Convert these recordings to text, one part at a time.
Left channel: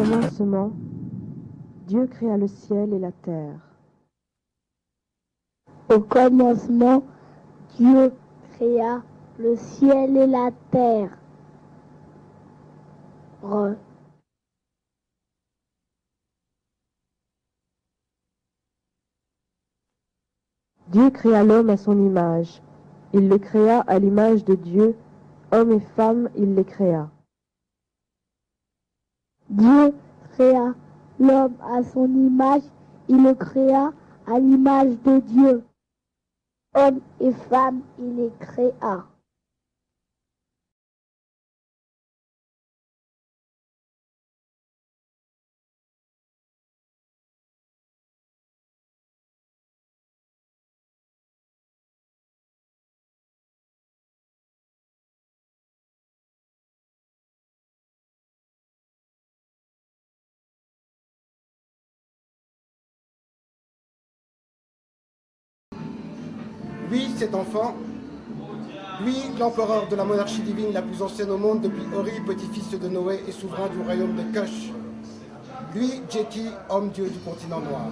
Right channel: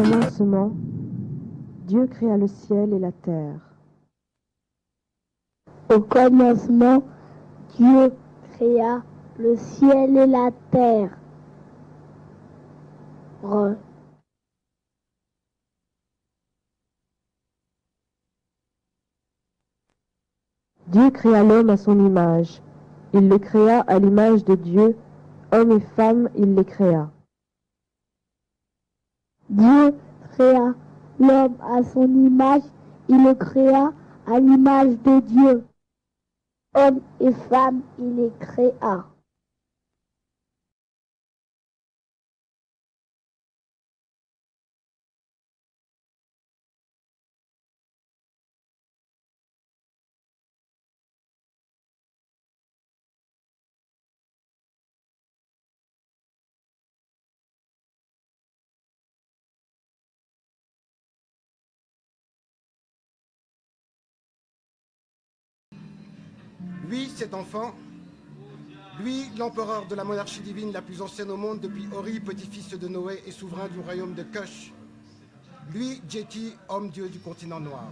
commencement, Dieu créa le ciel et la terre. Au commencement, Dieu créa le ciel et la terre. Dieu créa l'homme à son image. Il le créa à l'image de Dieu, homme et femme, il les créa. Dieu créa l'homme à son image, il le créa à l'image de Dieu. Homme et femme, il les créa. Lui, cet enfant, lui, l'empereur de la monarchie divine la plus ancienne au monde depuis Ori, petit-fils de Noé et souverain du royaume de Kush. Lui, Djeti, homme-dieu du continent noir.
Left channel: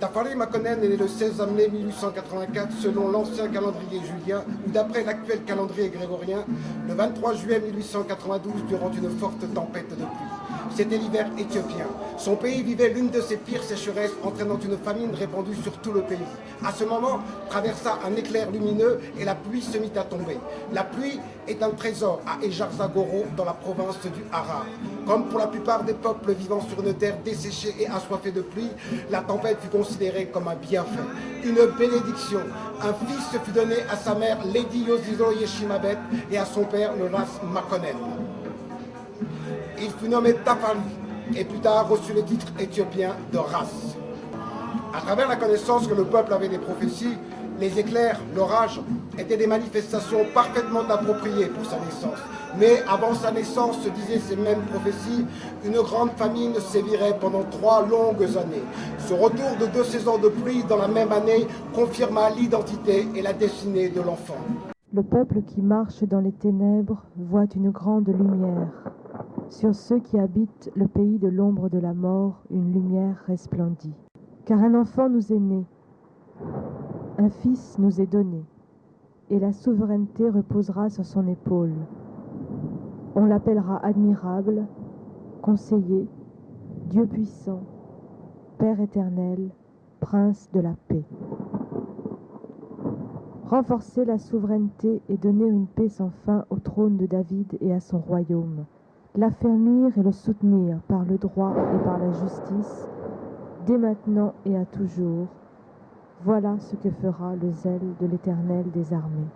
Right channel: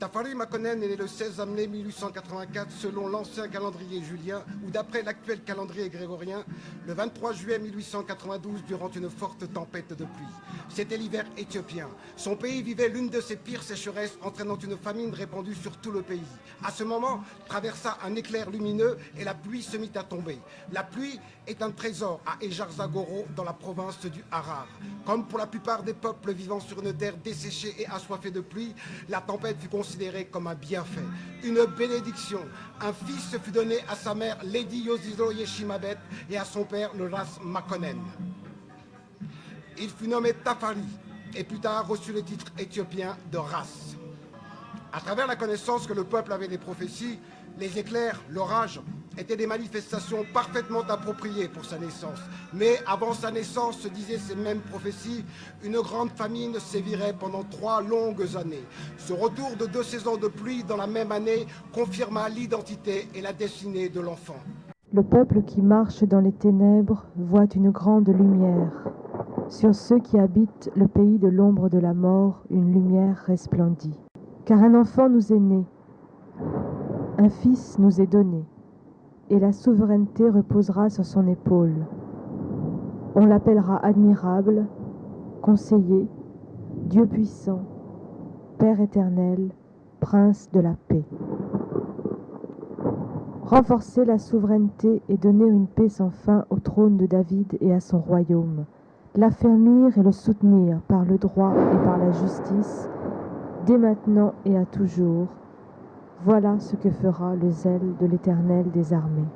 Tafari Makonnen est né le 16 mai 1884 selon l'ancien calendrier julien ou d'après l'actuel calendrier grégorien le 23 juillet 1892 durant une forte tempête de pluie. C'était l'hiver éthiopien. Son pays vivait l'une de ses pires sécheresses entraînant une famine répandue sur tout le pays. À ce moment, traversa un éclair lumineux et la pluie se mit à tomber. La pluie est un trésor à Ejarzagoro dans la province du Harar. Comme pour la plupart des peuples vivant sur une terre desséchée et assoiffée de pluie, la tempête fut considérée comme un bienfait, une bénédiction. Un fils fut donné à sa mère Lady Yoshizo Yeshimabet et à son père le Ras Makonnen. Il fut nommé Tafari et plus tard reçut le titre éthiopien de Ras. À travers la connaissance que le peuple avait des prophéties, les éclairs, l'orage, étaient des manifestations parfaitement appropriées pour sa naissance. Mais avant sa naissance, se disaient ces mêmes prophéties, une grande famine sévirait pendant 3 longues années. Ce retour de 2 saisons de pluie dans la même année confirma l'identité et la destinée de l'enfant. Le peuple qui marche dans les ténèbres voit une grande lumière. Sur ceux qui habitent le pays de l'ombre de la mort, une lumière resplendit. Car un enfant nous est né, un fils nous est donné, et la souveraineté reposera sur son épaule. On l'appellera admirable, conseiller, Dieu puissant, Père éternel, Prince de la paix. Renforcer la souveraineté et donner une paix sans fin au trône de David et à son royaume. L'affermir et le soutenir par le droit et par la justice, dès maintenant et à toujours. Voilà ce que fera le zèle de l'Éternel des armées.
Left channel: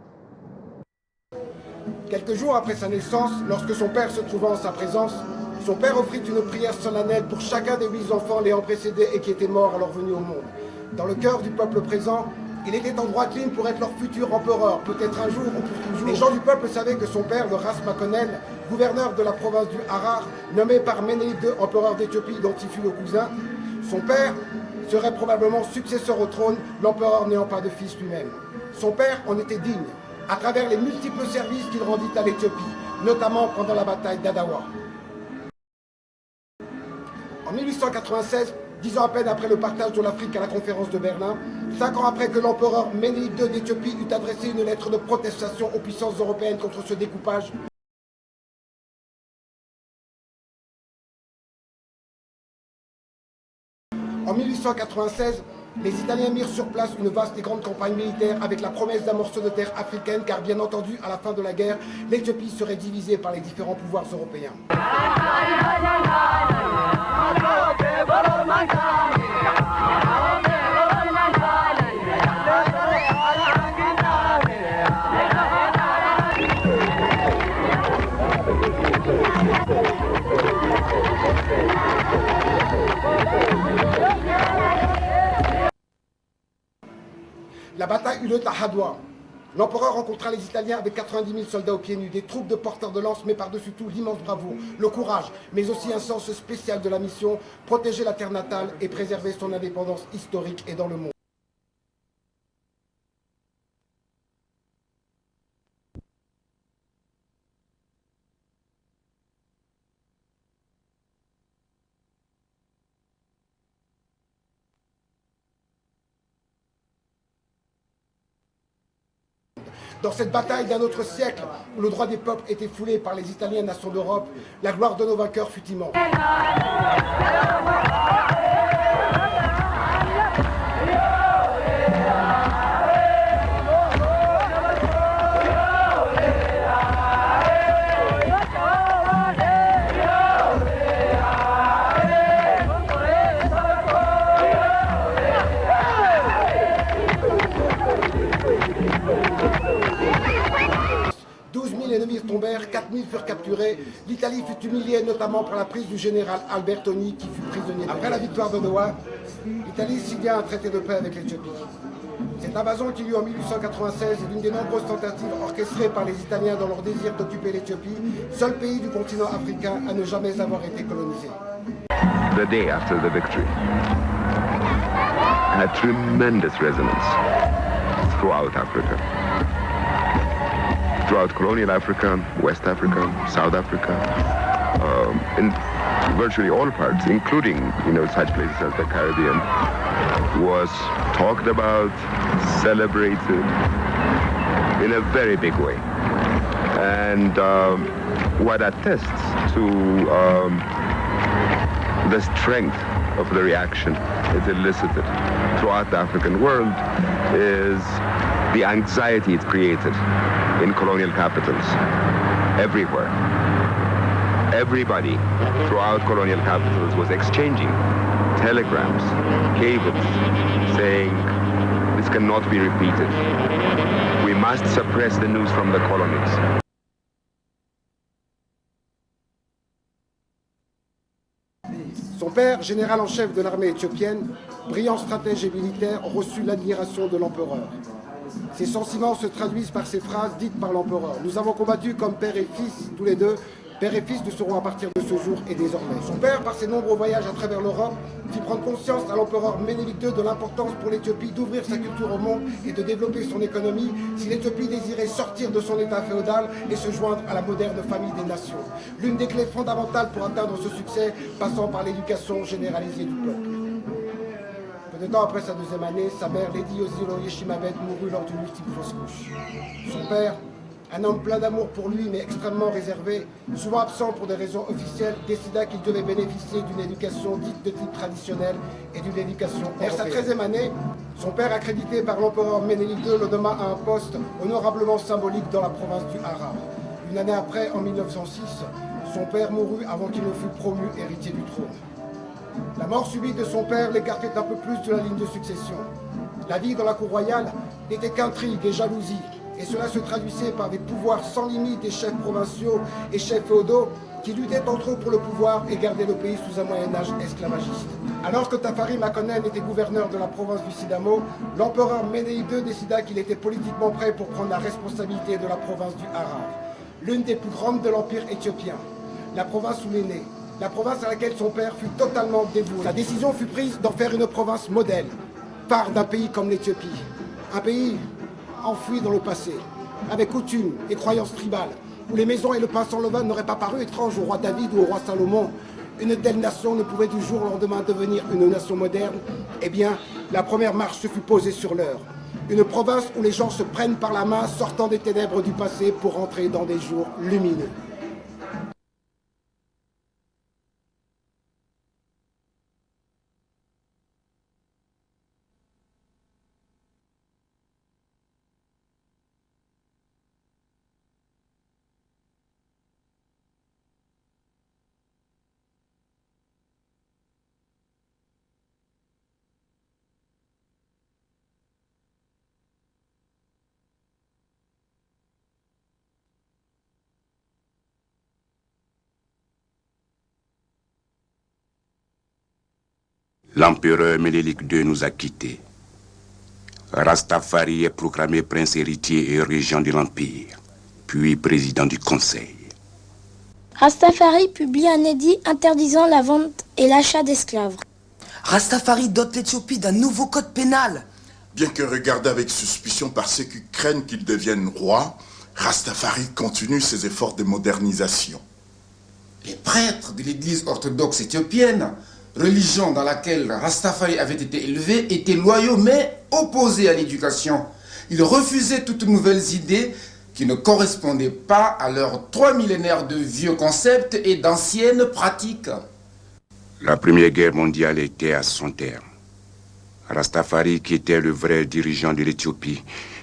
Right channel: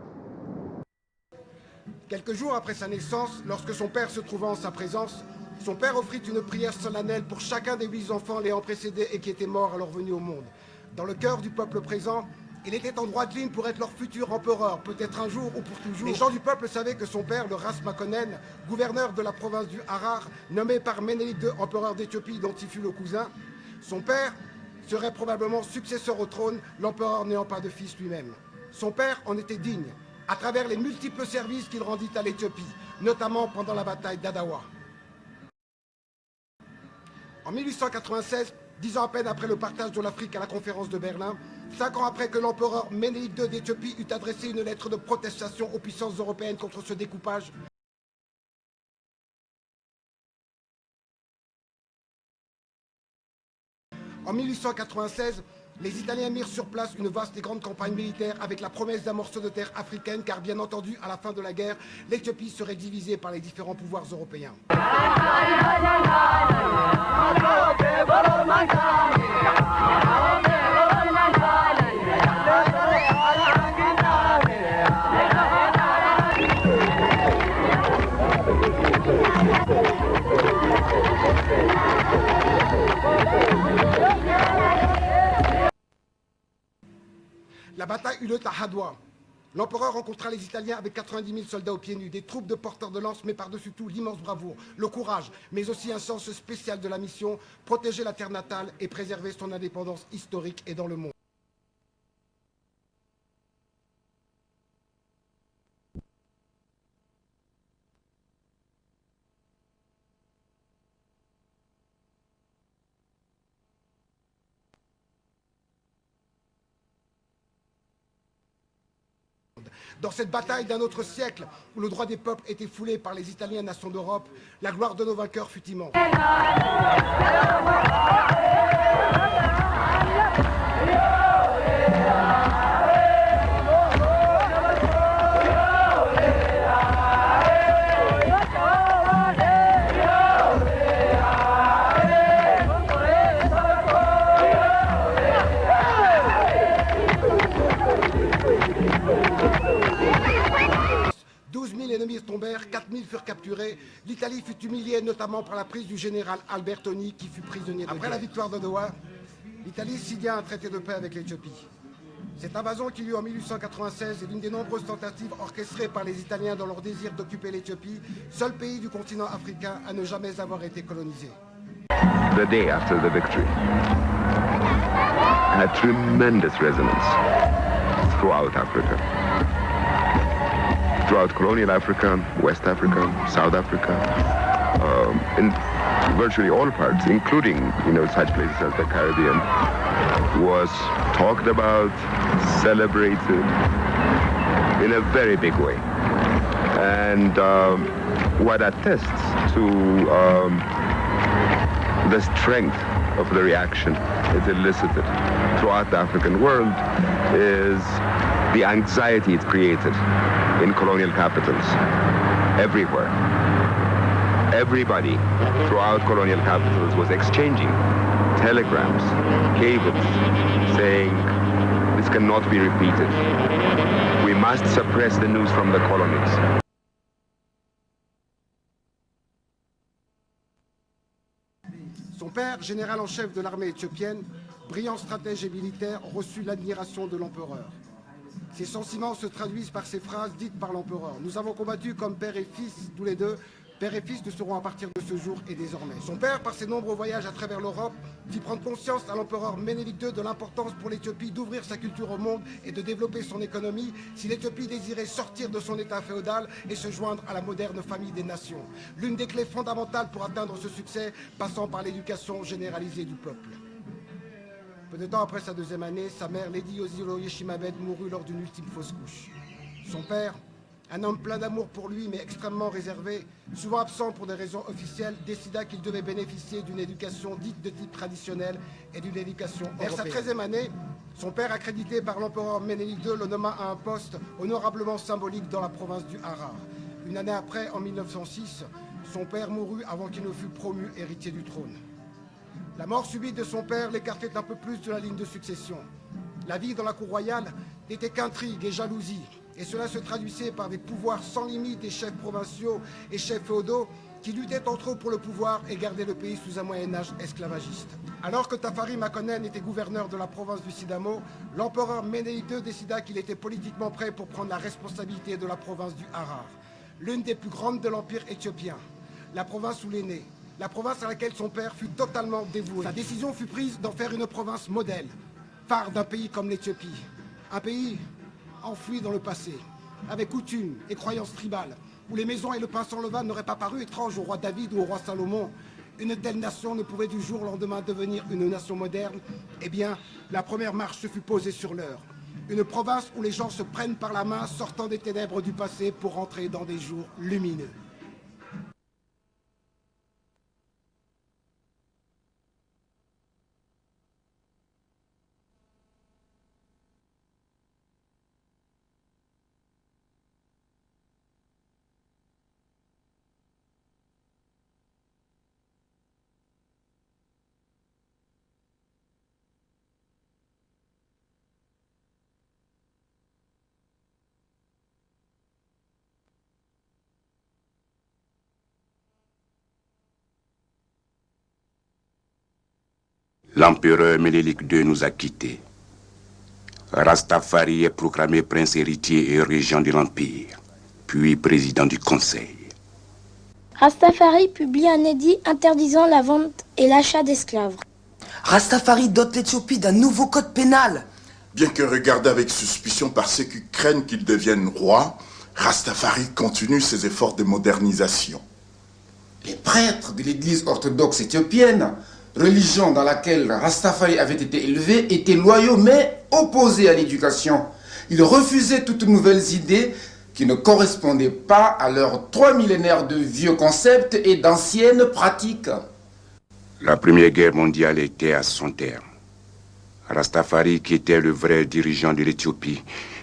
Quelques jours après sa naissance, lorsque son père se trouvait en sa présence, son père offrit une prière solennelle pour chacun des 8 enfants l'ayant précédé et qui étaient morts à leur venue au monde. Dans le cœur du peuple présent, il était en droite ligne pour être leur futur empereur, peut-être un jour ou pour toujours. Les gens du peuple savaient que son père, le Ras Makonnen, gouverneur de la province du Harar, nommé par Ménélique II, empereur d'Éthiopie dont il fut le cousin, son père serait probablement successeur au trône, l'empereur n'ayant pas de fils lui-même. Son père en était digne, à travers les multiples services qu'il rendit à l'Éthiopie, notamment pendant la bataille d'Adawa. En 1896, 10 ans à peine après le partage de l'Afrique à la conférence de Berlin, 5 ans après que l'empereur Ménélique II d'Éthiopie eut adressé une lettre de protestation aux puissances européennes contre ce découpage, en 1896, les Italiens mirent sur place une vaste et grande campagne militaire avec la promesse d'un morceau de terre africaine, car bien entendu, à la fin de la guerre, l'Éthiopie serait divisée par les différents pouvoirs européens. La bataille eut lieu à Hadwa. L'empereur rencontra les Italiens avec 90 000 soldats aux pieds nus, des troupes de porteurs de lance, mais par-dessus tout l'immense bravoure, le courage, mais aussi un sens spécial de la mission, protéger la terre natale et préserver son indépendance historique et dans le monde. Dans cette bataille d'un autre siècle, où le droit des peuples était foulé par les Italiens nations d'Europe, la gloire de nos vainqueurs fut immense. 12 000 ennemis tombèrent, 4 000 furent capturés. L'Italie fut humiliée notamment par la prise du général Albertoni qui fut prisonnier. Après la victoire de Noa, l'Italie signa un traité de paix avec l'Éthiopie. Cette invasion qui eut lieu en 1896 est l'une des nombreuses tentatives orchestrées par les Italiens dans leur désir d'occuper l'Éthiopie, seul pays du continent africain à ne jamais avoir été colonisé. The day after the victory had tremendous resonance throughout Africa. Throughout colonial Africa, West Africa, South Africa, in virtually all parts, including, such places as the Caribbean, was talked about, celebrated in a very big way. And what attests to the strength of the reaction it elicited throughout the African world is the anxiety it created in colonial capitals everywhere. Everybody throughout colonial capitals was exchanging telegrams, cables, saying this cannot be repeated. We must suppress the news from the colonies. Son père, général en chef de l'armée éthiopienne, brillant stratège et militaire, reçut l'admiration de l'empereur. Ces sentiments se traduisent par ces phrases dites par l'empereur. Nous avons combattu comme père et fils, tous les deux. Père et fils ne seront à partir de ce jour et désormais. Son père, par ses nombreux voyages à travers l'Europe, fit prendre conscience à l'empereur Ménélique II de l'importance pour l'Éthiopie d'ouvrir sa culture au monde et de développer son économie si l'Éthiopie désirait sortir de son état féodal et se joindre à la moderne famille des nations. L'une des clés fondamentales pour atteindre ce succès passant par l'éducation généralisée du peuple. Peu de temps après sa deuxième année, sa mère, Lady Ozilo Yeshimabet, mourut lors d'une ultime fausse couche. Son père, un homme plein d'amour pour lui, mais extrêmement réservé, souvent absent pour des raisons officielles, décida qu'il devait bénéficier d'une éducation dite de type traditionnel et d'une éducation. Vers sa 13e année, son père, accrédité par l'empereur Ménélique II, le nomma à un poste honorablement symbolique dans la province du Harar. Une année après, en 1906, son père mourut avant qu'il ne fût promu héritier du trône. La mort subite de son père l'écartait un peu plus de la ligne de succession. La vie dans la cour royale n'était qu'intrigue et jalousie, et cela se traduisait par des pouvoirs sans limite des chefs provinciaux et chefs féodaux qui luttaient entre eux pour le pouvoir et gardaient le pays sous un Moyen-Âge esclavagiste. Alors que Tafari Makonnen était gouverneur de la province du Sidamo, l'empereur Ménélique II décida qu'il était politiquement prêt pour prendre la responsabilité de la province du Harar, l'une des plus grandes de l'empire éthiopien, la province où il est né, la province à laquelle son père fut totalement dévoué. Sa décision fut prise d'en faire une province modèle, phare d'un pays comme l'Éthiopie, un pays enfoui dans le passé, avec coutumes et croyances tribales, où les maisons et le pain sans levain n'auraient pas paru étranges au roi David ou au roi Salomon. Une telle nation ne pouvait du jour au lendemain devenir une nation moderne. Eh bien, la première marche se fut posée sur l'heure. Une province où les gens se prennent par la main, sortant des ténèbres du passé pour entrer dans des jours lumineux. L'empereur Ménélique II nous a quittés. Rastafari est proclamé prince héritier et régent de l'Empire, puis président du Conseil. Rastafari publie un édit interdisant la vente et l'achat d'esclaves. Rastafari dote l'Éthiopie d'un nouveau code pénal. Bien que regardé avec suspicion par ceux qui craignent qu'il devienne roi, Rastafari continue ses efforts de modernisation. Les prêtres de l'église orthodoxe éthiopienne, religion dans laquelle Rastafari avait été élevé, étaient loyaux mais opposés à l'éducation. Ils refusaient toutes nouvelles idées qui ne correspondaient pas à leurs 3 millénaires de vieux concepts et d'anciennes pratiques. La Première Guerre mondiale était à son terme. Rastafari, qui était le vrai dirigeant de l'Éthiopie,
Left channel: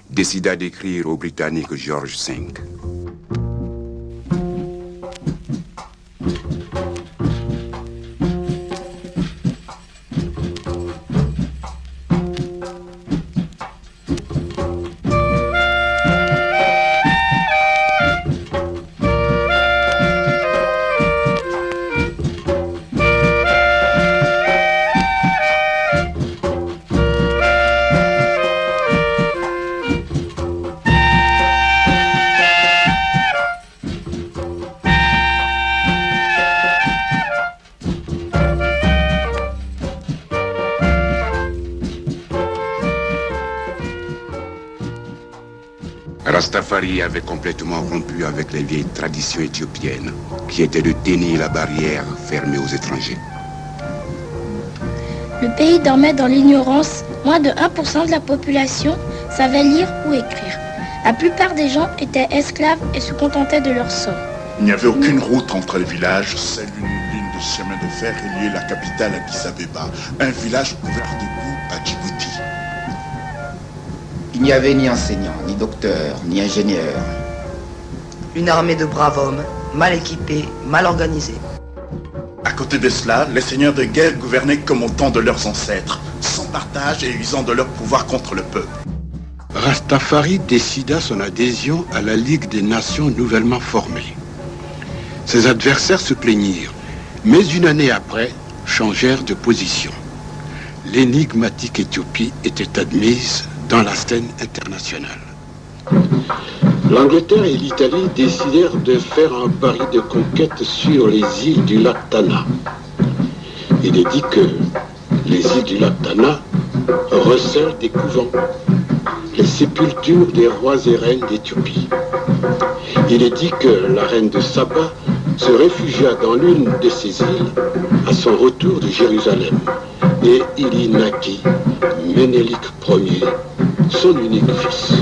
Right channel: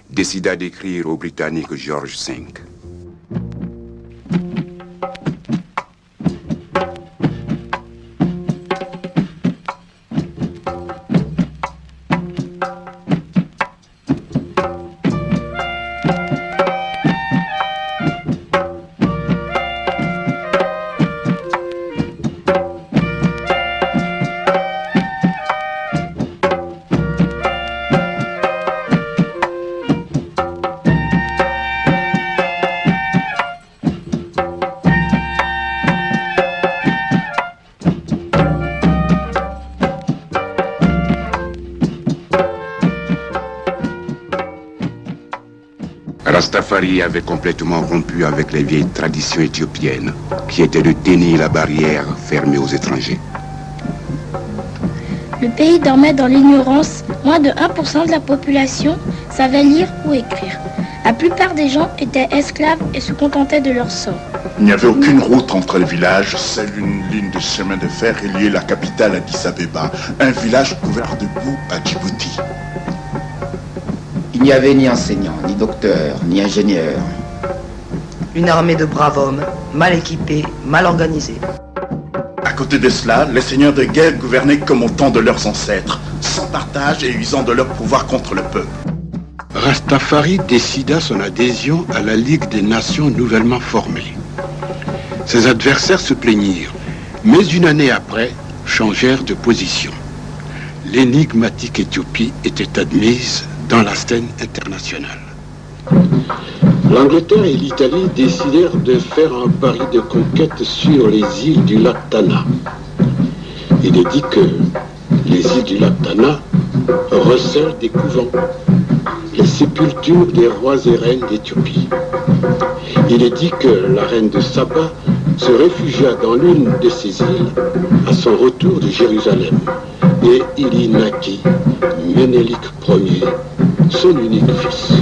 décida d'écrire au Britannique George V. Rastafari avait complètement rompu avec les vieilles traditions éthiopiennes, qui étaient de tenir la barrière fermée aux étrangers. Le pays dormait dans l'ignorance. Moins de 1% de la population savait lire ou écrire. La plupart des gens étaient esclaves et se contentaient de leur sort. Il n'y avait aucune route entre les villages, seule une ligne de chemin de fer reliait la capitale Addis Abeba, un village couvert de boue à Djibouti. Il n'y avait ni enseignants, ni docteurs, ni ingénieurs. Une armée de braves hommes, mal équipés, mal organisés. À côté de cela, les seigneurs de guerre gouvernaient comme au temps de leurs ancêtres, sans partage et usant de leur pouvoir contre le peuple. Rastafari décida son adhésion à la Ligue des Nations nouvellement formée. Ses adversaires se plaignirent, mais une année après, changèrent de position. L'énigmatique Éthiopie était admise dans la scène internationale. L'Angleterre et l'Italie décidèrent de faire un pari de conquête sur les îles du lac Tana. Il est dit que les îles du lac Tana recèlent des couvents, les sépultures des rois et reines d'Éthiopie. Il est dit que la reine de Saba se réfugia dans l'une de ces îles à son retour de Jérusalem. Et il y naquit Ménélik Ier, son unique fils.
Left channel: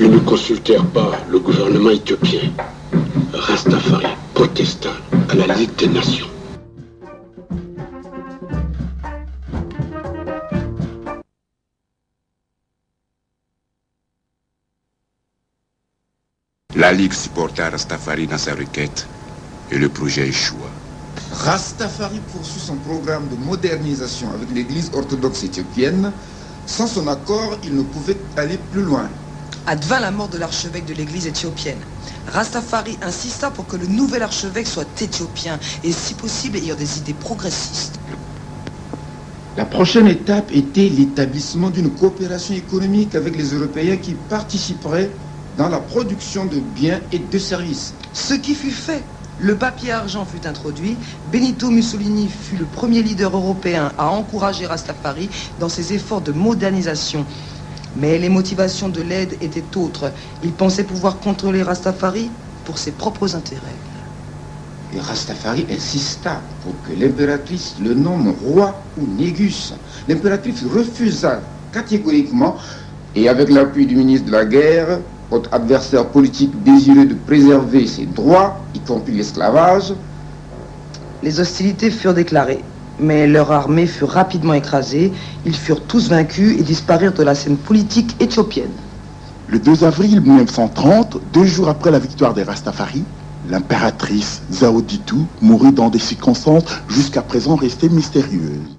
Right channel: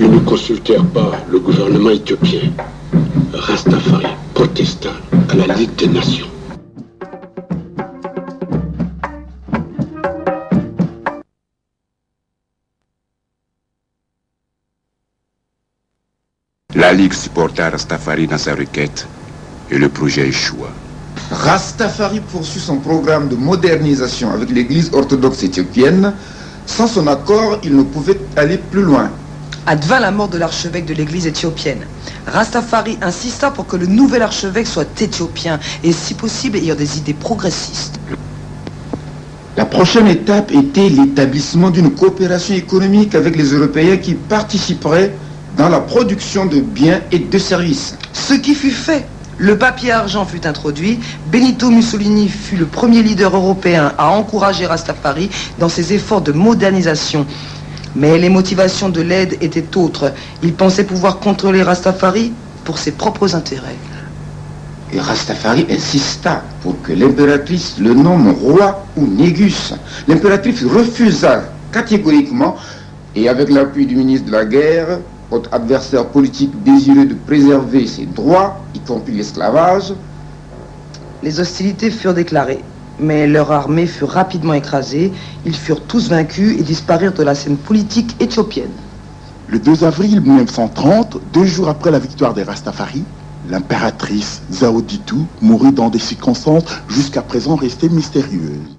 Ils ne consultèrent pas le gouvernement éthiopien. Rastafari protesta à la Ligue des Nations. La Ligue supporta Rastafari dans sa requête et le projet échoua. Rastafari poursuit son programme de modernisation avec l'église orthodoxe éthiopienne. Sans son accord, il ne pouvait aller plus loin. Advint la mort de l'archevêque de l'église éthiopienne. Rastafari insista pour que le nouvel archevêque soit éthiopien et si possible ayant des idées progressistes. La prochaine étape était l'établissement d'une coopération économique avec les Européens qui participeraient dans la production de biens et de services. Ce qui fut fait. Le papier argent fut introduit. Benito Mussolini fut le premier leader européen à encourager Rastafari dans ses efforts de modernisation. Mais les motivations de l'aide étaient autres. Il pensait pouvoir contrôler Rastafari pour ses propres intérêts. Et Rastafari insista pour que l'impératrice le nomme roi ou négus. L'impératrice refusa catégoriquement et avec l'appui du ministre de la Guerre, votre adversaire politique désireux de préserver ses droits, y compris l'esclavage. Les hostilités furent déclarées, mais leur armée fut rapidement écrasée. Ils furent tous vaincus et disparurent de la scène politique éthiopienne. Le 2 avril 1930, 2 jours après la victoire des Rastafari, l'impératrice Zaoditu mourut dans des circonstances jusqu'à présent restées mystérieuses.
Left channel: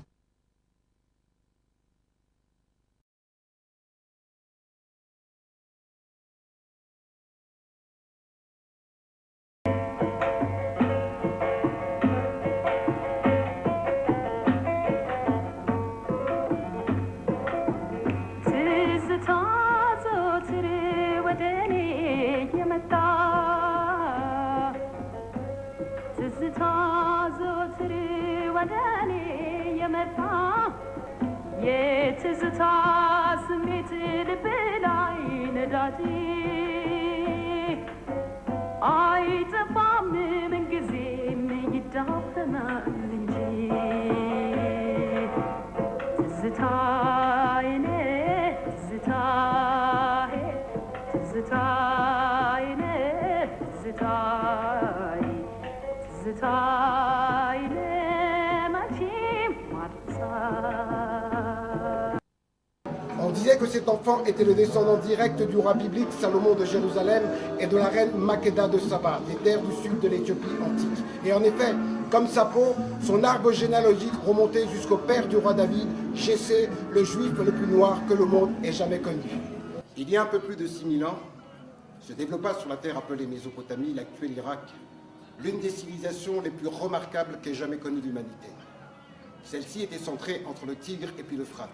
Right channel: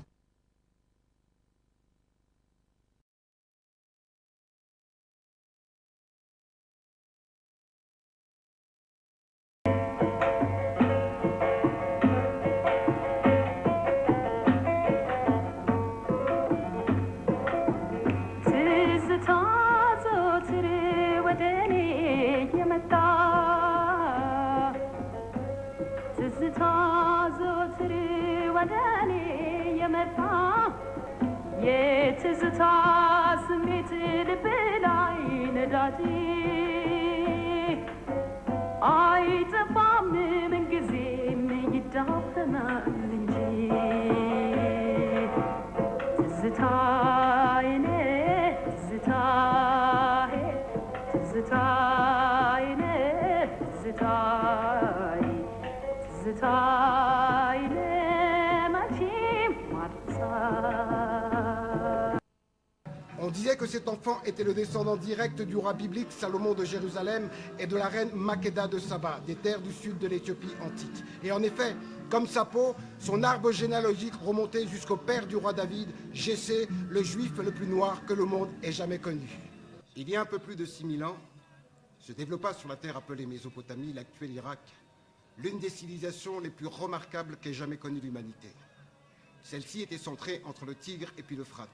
Zita On disait que cet enfant était le descendant direct du roi biblique Salomon de Jérusalem et de la reine Makeda de Saba, des terres du sud de l'Éthiopie antique. Et en effet, comme sa peau, son arbre généalogique remontait jusqu'au père du roi David, Jessé, le juif le plus noir que le monde ait jamais connu. Il y a un peu plus de 6000 ans, se développa sur la terre appelée Mésopotamie, l'actuel Irak, l'une des civilisations les plus remarquables qu'ait jamais connue l'humanité. Celle-ci était centrée entre le Tigre et puis l'Euphrate.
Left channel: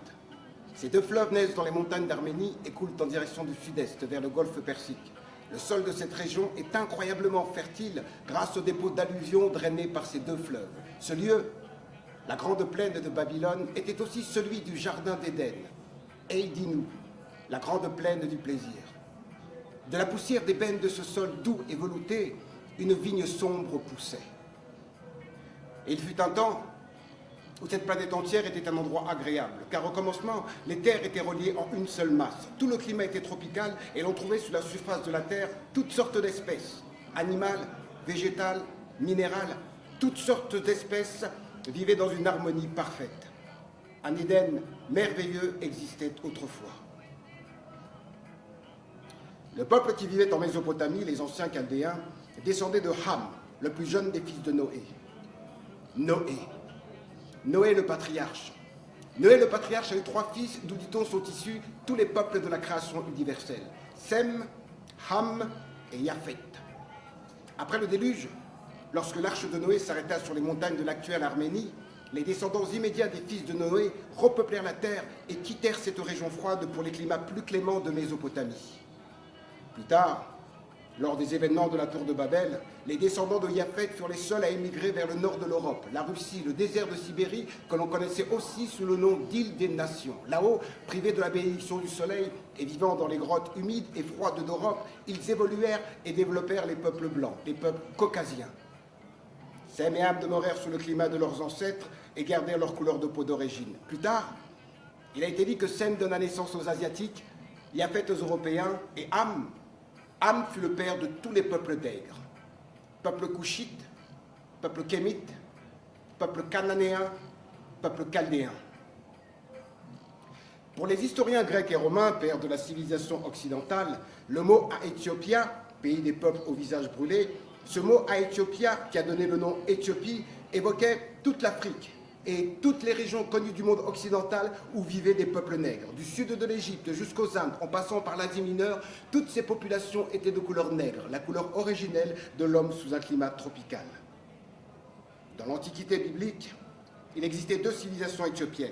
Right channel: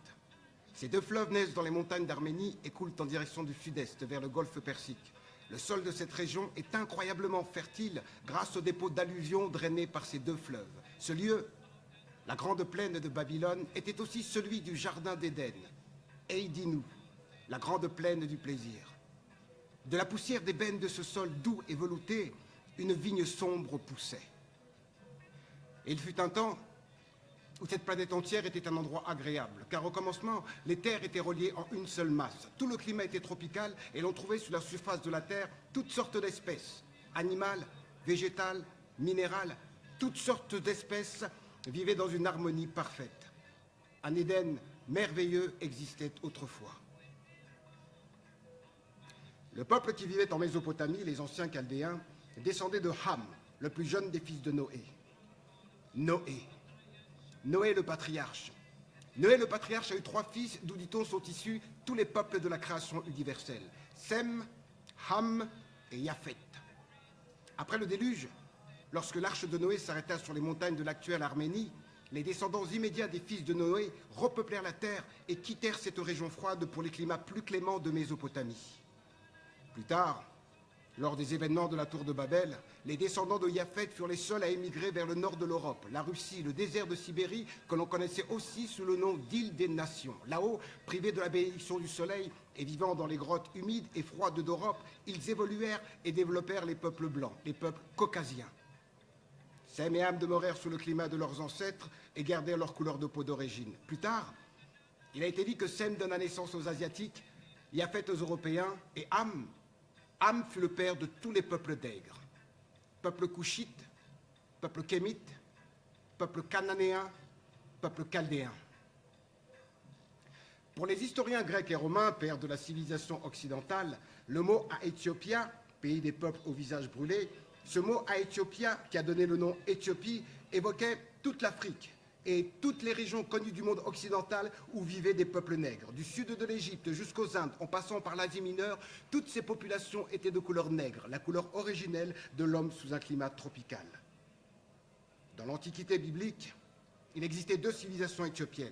Ces deux fleuves naissent dans les montagnes d'Arménie et coulent en direction du sud-est, vers le golfe Persique. Le sol de cette région est incroyablement fertile grâce aux dépôts d'alluvions drainés par ces deux fleuves. Ce lieu, la grande plaine de Babylone, était aussi celui du jardin d'Éden, Eidinu, la grande plaine du plaisir. De la poussière d'ébène de ce sol doux et velouté, une vigne sombre poussait. Et il fut un temps où cette planète entière était un endroit agréable, car au commencement, les terres étaient reliées en une seule masse. Tout le climat était tropical et l'on trouvait sous la surface de la terre toutes sortes d'espèces, animales, végétales, minérales, toutes sortes d'espèces vivaient dans une harmonie parfaite. Un Éden merveilleux existait autrefois. Le peuple qui vivait en Mésopotamie, les anciens Chaldéens, descendait de Ham, le plus jeune des fils de Noé. Noé le patriarche. Noé le patriarche a eu 3 fils, d'où dit-on sont issus tous les peuples de la création universelle. Sem, Ham et Japhet. Après le déluge, lorsque l'arche de Noé s'arrêta sur les montagnes de l'actuelle Arménie, les descendants immédiats des fils de Noé repeuplèrent la terre et quittèrent cette région froide pour les climats plus cléments de Mésopotamie. Plus tard, lors des événements de la tour de Babel, les descendants de Japhet furent les seuls à émigrer vers le nord de l'Europe, la Russie, le désert de Sibérie, que l'on connaissait aussi sous le nom d'île des nations. Là-haut, privés de la bénédiction du soleil et vivant dans les grottes humides et froides d'Europe, ils évoluèrent et développèrent les peuples blancs, les peuples caucasiens. Sem et Ham demeurèrent sous le climat de leurs ancêtres et gardèrent leur couleur de peau d'origine. Plus tard, il a été dit que Sem donna naissance aux Asiatiques, Japhet aux Européens et Ham fut le père de tous les peuples d'Aigre. Peuple couchite, peuple kémite, peuple cananéen, peuple chaldéen. Pour les historiens grecs et romains, pères de la civilisation occidentale, le mot Aéthiopia, pays des peuples au visage brûlé, ce mot Aéthiopia, qui a donné le nom Éthiopie, évoquait toute l'Afrique et toutes les régions connues du monde occidental où vivaient des peuples nègres. Du sud de l'Égypte jusqu'aux Indes, en passant par l'Asie mineure, toutes ces populations étaient de couleur nègre, la couleur originelle de l'homme sous un climat tropical. Dans l'Antiquité biblique, il existait 2 civilisations éthiopiennes,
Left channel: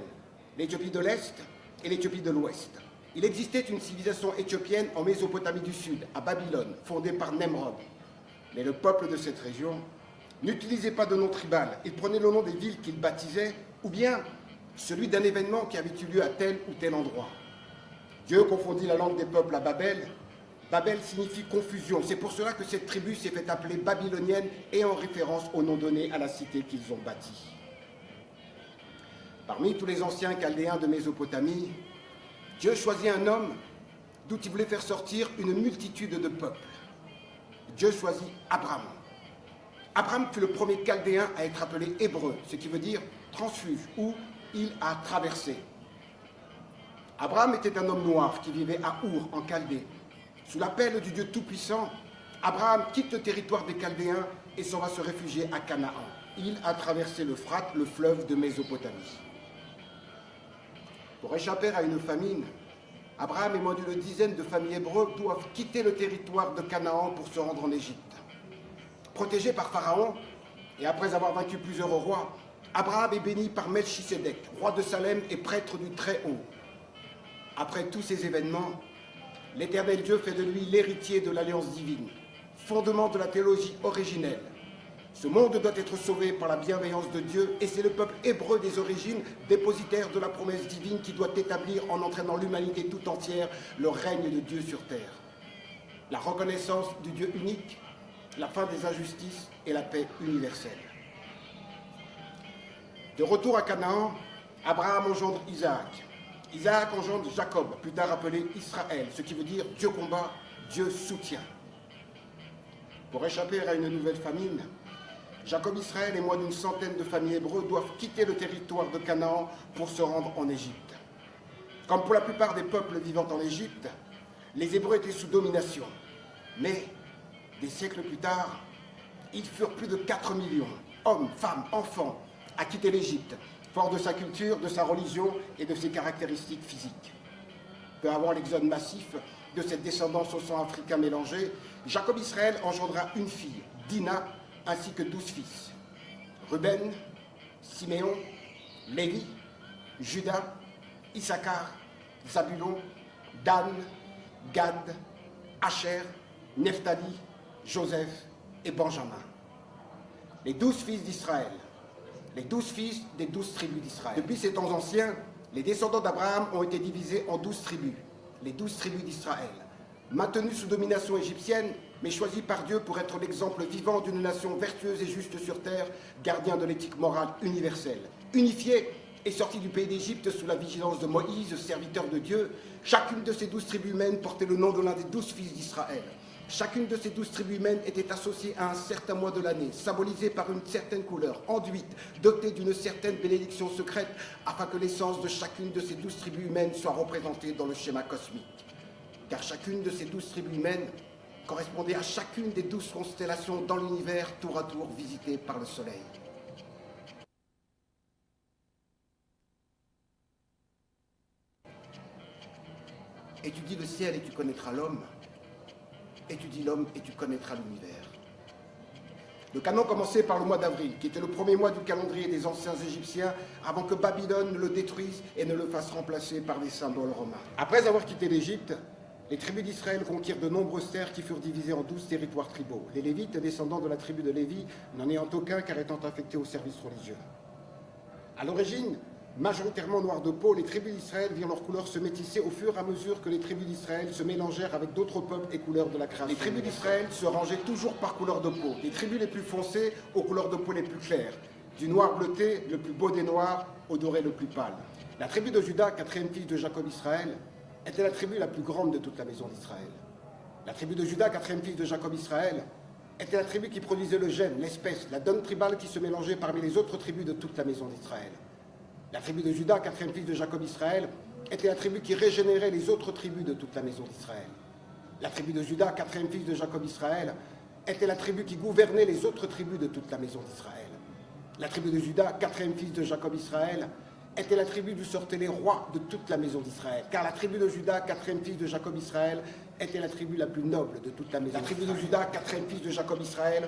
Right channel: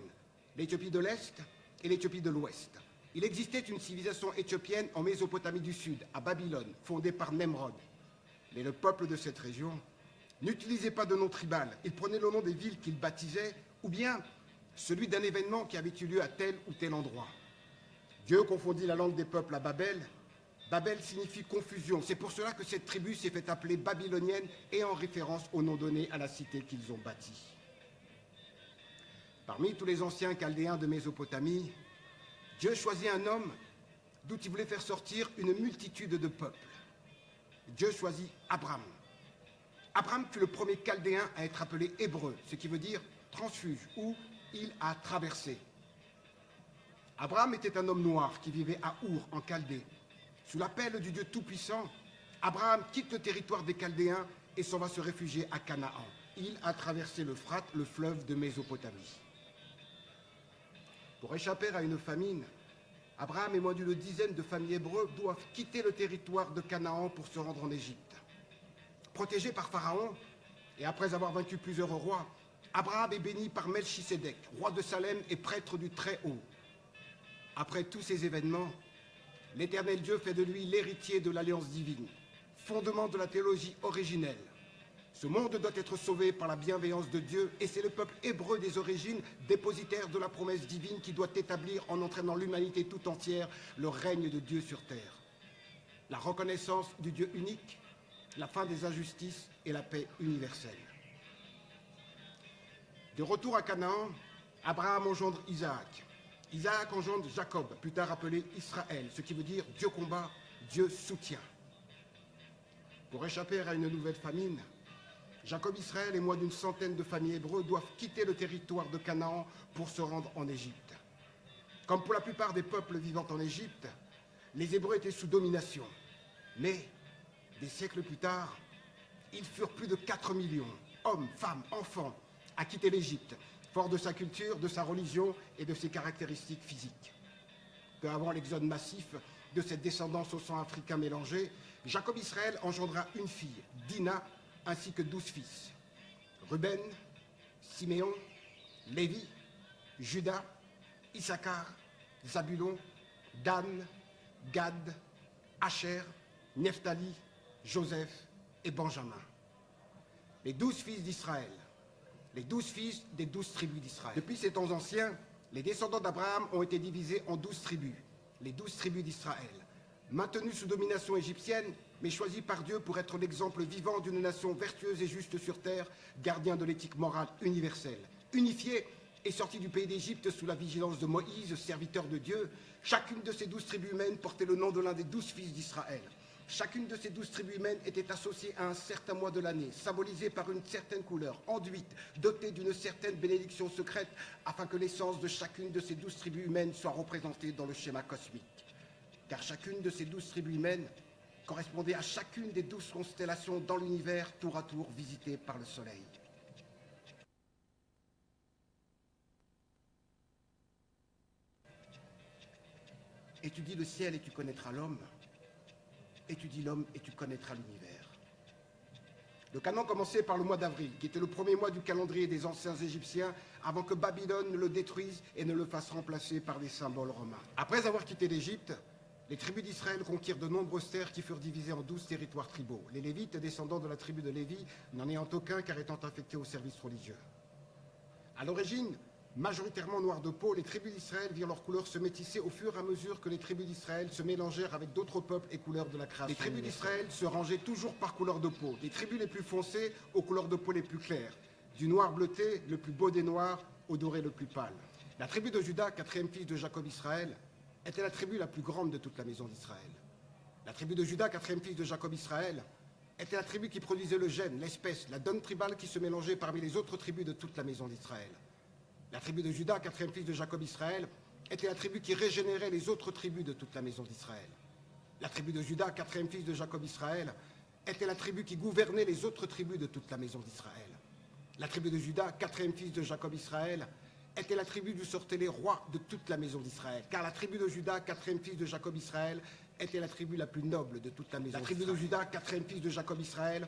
l'Éthiopie de l'Est et l'Éthiopie de l'Ouest. Il existait une civilisation éthiopienne en Mésopotamie du Sud, à Babylone, fondée par Nemrod. Mais le peuple de cette région n'utilisait pas de nom tribal, il prenait le nom des villes qu'il baptisait, ou bien celui d'un événement qui avait eu lieu à tel ou tel endroit. Dieu confondit la langue des peuples à Babel. Babel signifie confusion, c'est pour cela que cette tribu s'est fait appeler babylonienne et en référence au nom donné à la cité qu'ils ont bâtie. Parmi tous les anciens Chaldéens de Mésopotamie, Dieu choisit un homme d'où il voulait faire sortir une multitude de peuples. Dieu choisit Abraham. Abraham fut le premier Chaldéen à être appelé hébreu, ce qui veut dire transfuge, ou il a traversé. Abraham était un homme noir qui vivait à Our, en Chaldée. Sous l'appel du Dieu Tout-Puissant, Abraham quitte le territoire des Chaldéens et s'en va se réfugier à Canaan. Il a traversé l'Euphrate, le fleuve de Mésopotamie. Pour échapper à une famine, Abraham et moins d'une dizaine de familles hébreux doivent quitter le territoire de Canaan pour se rendre en Égypte. Protégé par Pharaon, et après avoir vaincu plusieurs rois, Abraham est béni par Melchisédek, roi de Salem et prêtre du Très-Haut. Après tous ces événements, l'Éternel Dieu fait de lui l'héritier de l'alliance divine, fondement de la théologie originelle. Ce monde doit être sauvé par la bienveillance de Dieu, et c'est le peuple hébreu des origines, dépositaire de la promesse divine, qui doit établir, en entraînant l'humanité tout entière, le règne de Dieu sur terre. La reconnaissance du Dieu unique, la fin des injustices et la paix universelle. De retour à Canaan, Abraham engendre Isaac. Isaac engendre Jacob, plus tard appelé Israël, ce qui veut dire Dieu combat, Dieu soutient. Pour échapper à une nouvelle famine, Jacob, Israël et moins d'une centaine de familles hébreux doivent quitter le territoire de Canaan pour se rendre en Égypte. Comme pour la plupart des peuples vivant en Égypte, les Hébreux étaient sous domination. Mais, des siècles plus tard, ils furent plus de 4 millions, hommes, femmes, enfants, à quitter l'Égypte, fort de sa culture, de sa religion et de ses caractéristiques physiques. Peu avant l'exode massif de cette descendance au sang africain mélangé, Jacob Israël engendra une fille, Dina, ainsi que 12 fils. Ruben, Siméon, Lévi, Juda, Issachar, Zabulon, Dan, Gad, Asher, Nephtali, Joseph et Benjamin. Les 12 fils d'Israël, les 12 fils des 12 tribus d'Israël. Depuis ces temps anciens, les descendants d'Abraham ont été divisés en 12 tribus, les 12 tribus d'Israël, maintenus sous domination égyptienne, mais choisis par Dieu pour être l'exemple vivant d'une nation vertueuse et juste sur terre, gardien de l'éthique morale universelle. Unifiés et sortis du pays d'Égypte sous la vigilance de Moïse, serviteur de Dieu, chacune de ces 12 tribus humaines portait le nom de l'un des 12 fils d'Israël. Chacune de ces 12 tribus humaines était associée à un certain mois de l'année, symbolisée par une certaine couleur, enduite, dotée d'une certaine bénédiction secrète, afin que l'essence de chacune de ces 12 tribus humaines soit représentée dans le schéma cosmique. Car chacune de ces 12 tribus humaines correspondait à chacune des 12 constellations dans l'univers, tour à tour visitées par le Soleil. Étudie le ciel et tu connaîtras l'homme. Étudie l'homme et tu connaîtras l'univers. Le canon commençait par le mois d'avril, qui était le premier mois du calendrier des anciens Égyptiens, avant que Babylone ne le détruise et ne le fasse remplacer par des symboles romains. Après avoir quitté l'Égypte, les tribus d'Israël conquirent de nombreuses terres qui furent divisées en 12 territoires tribaux. Les Lévites, descendants de la tribu de Lévi, n'en ayant aucun car étant affectés au service religieux. À l'origine, majoritairement noirs de peau, les tribus d'Israël virent leurs couleurs se métisser au fur et à mesure que les tribus d'Israël se mélangèrent avec d'autres peuples et couleurs de la création. Les tribus d'Israël se rangeaient toujours par couleur de peau, les tribus les plus foncées aux couleurs de peau les plus claires, du noir bleuté, le plus beau des noirs, au doré le plus pâle. La tribu de Juda, 4e fils de Jacob Israël, était la tribu la plus grande de toute la maison d'Israël. La tribu de Juda, 4e fils de Jacob Israël, était la tribu qui produisait le gène, l'espèce, la donne tribale qui se mélangeait parmi les autres tribus de toute la maison d'Israël. La tribu de Juda, 4e fils de Jacob Israël, était la tribu qui régénérait les autres tribus de toute la maison d'Israël. La tribu de Juda, 4e fils de Jacob Israël, était la tribu qui gouvernait les autres tribus de toute la maison d'Israël. La tribu de Juda, 4e fils de Jacob Israël, était la tribu d'où sortaient les rois de toute la maison d'Israël. Car la tribu de Juda, 4e fils de Jacob Israël, était la tribu la plus noble de toute la maison d'Israël. La tribu de Juda, 4e fils de Jacob Israël,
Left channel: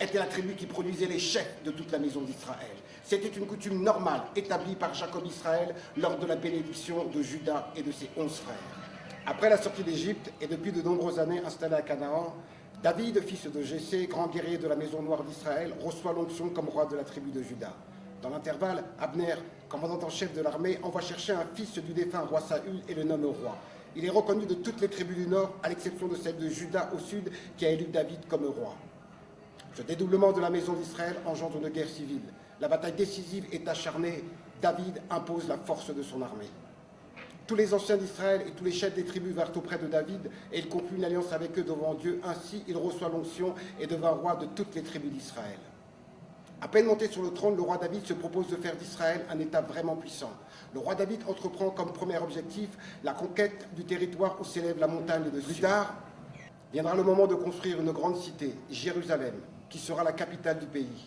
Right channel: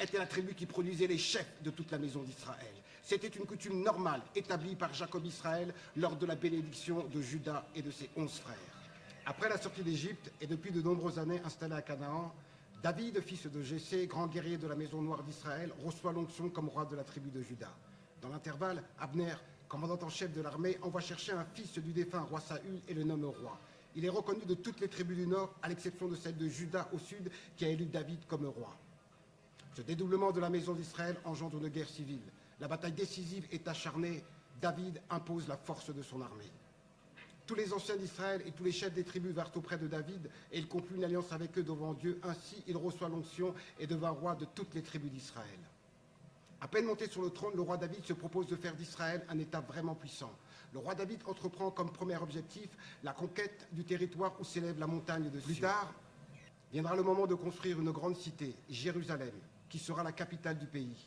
était la tribu qui produisait les chefs de toute la maison d'Israël. C'était une coutume normale établie par Jacob Israël lors de la bénédiction de Juda et de ses 11 frères. Après la sortie d'Égypte et depuis de nombreuses années installé à Canaan, David, fils de Jessé, grand guerrier de la maison noire d'Israël, reçoit l'onction comme roi de la tribu de Juda. Dans l'intervalle, Abner, commandant en chef de l'armée, envoie chercher un fils du défunt roi Saül et le nomme roi. Il est reconnu de toutes les tribus du nord, à l'exception de celle de Juda au sud, qui a élu David comme roi. Ce dédoublement de la maison d'Israël engendre une guerre civile. La bataille décisive est acharnée. David impose la force de son armée. Tous les anciens d'Israël et tous les chefs des tribus vinrent auprès de David et il conclut une alliance avec eux devant Dieu. Ainsi, il reçoit l'onction et devint roi de toutes les tribus d'Israël. À peine monté sur le trône, le roi David se propose de faire d'Israël un État vraiment puissant. Le roi David entreprend comme premier objectif la conquête du territoire où s'élève la montagne de Sion. Plus tard, viendra le moment de construire une grande cité, Jérusalem, qui sera la capitale du pays.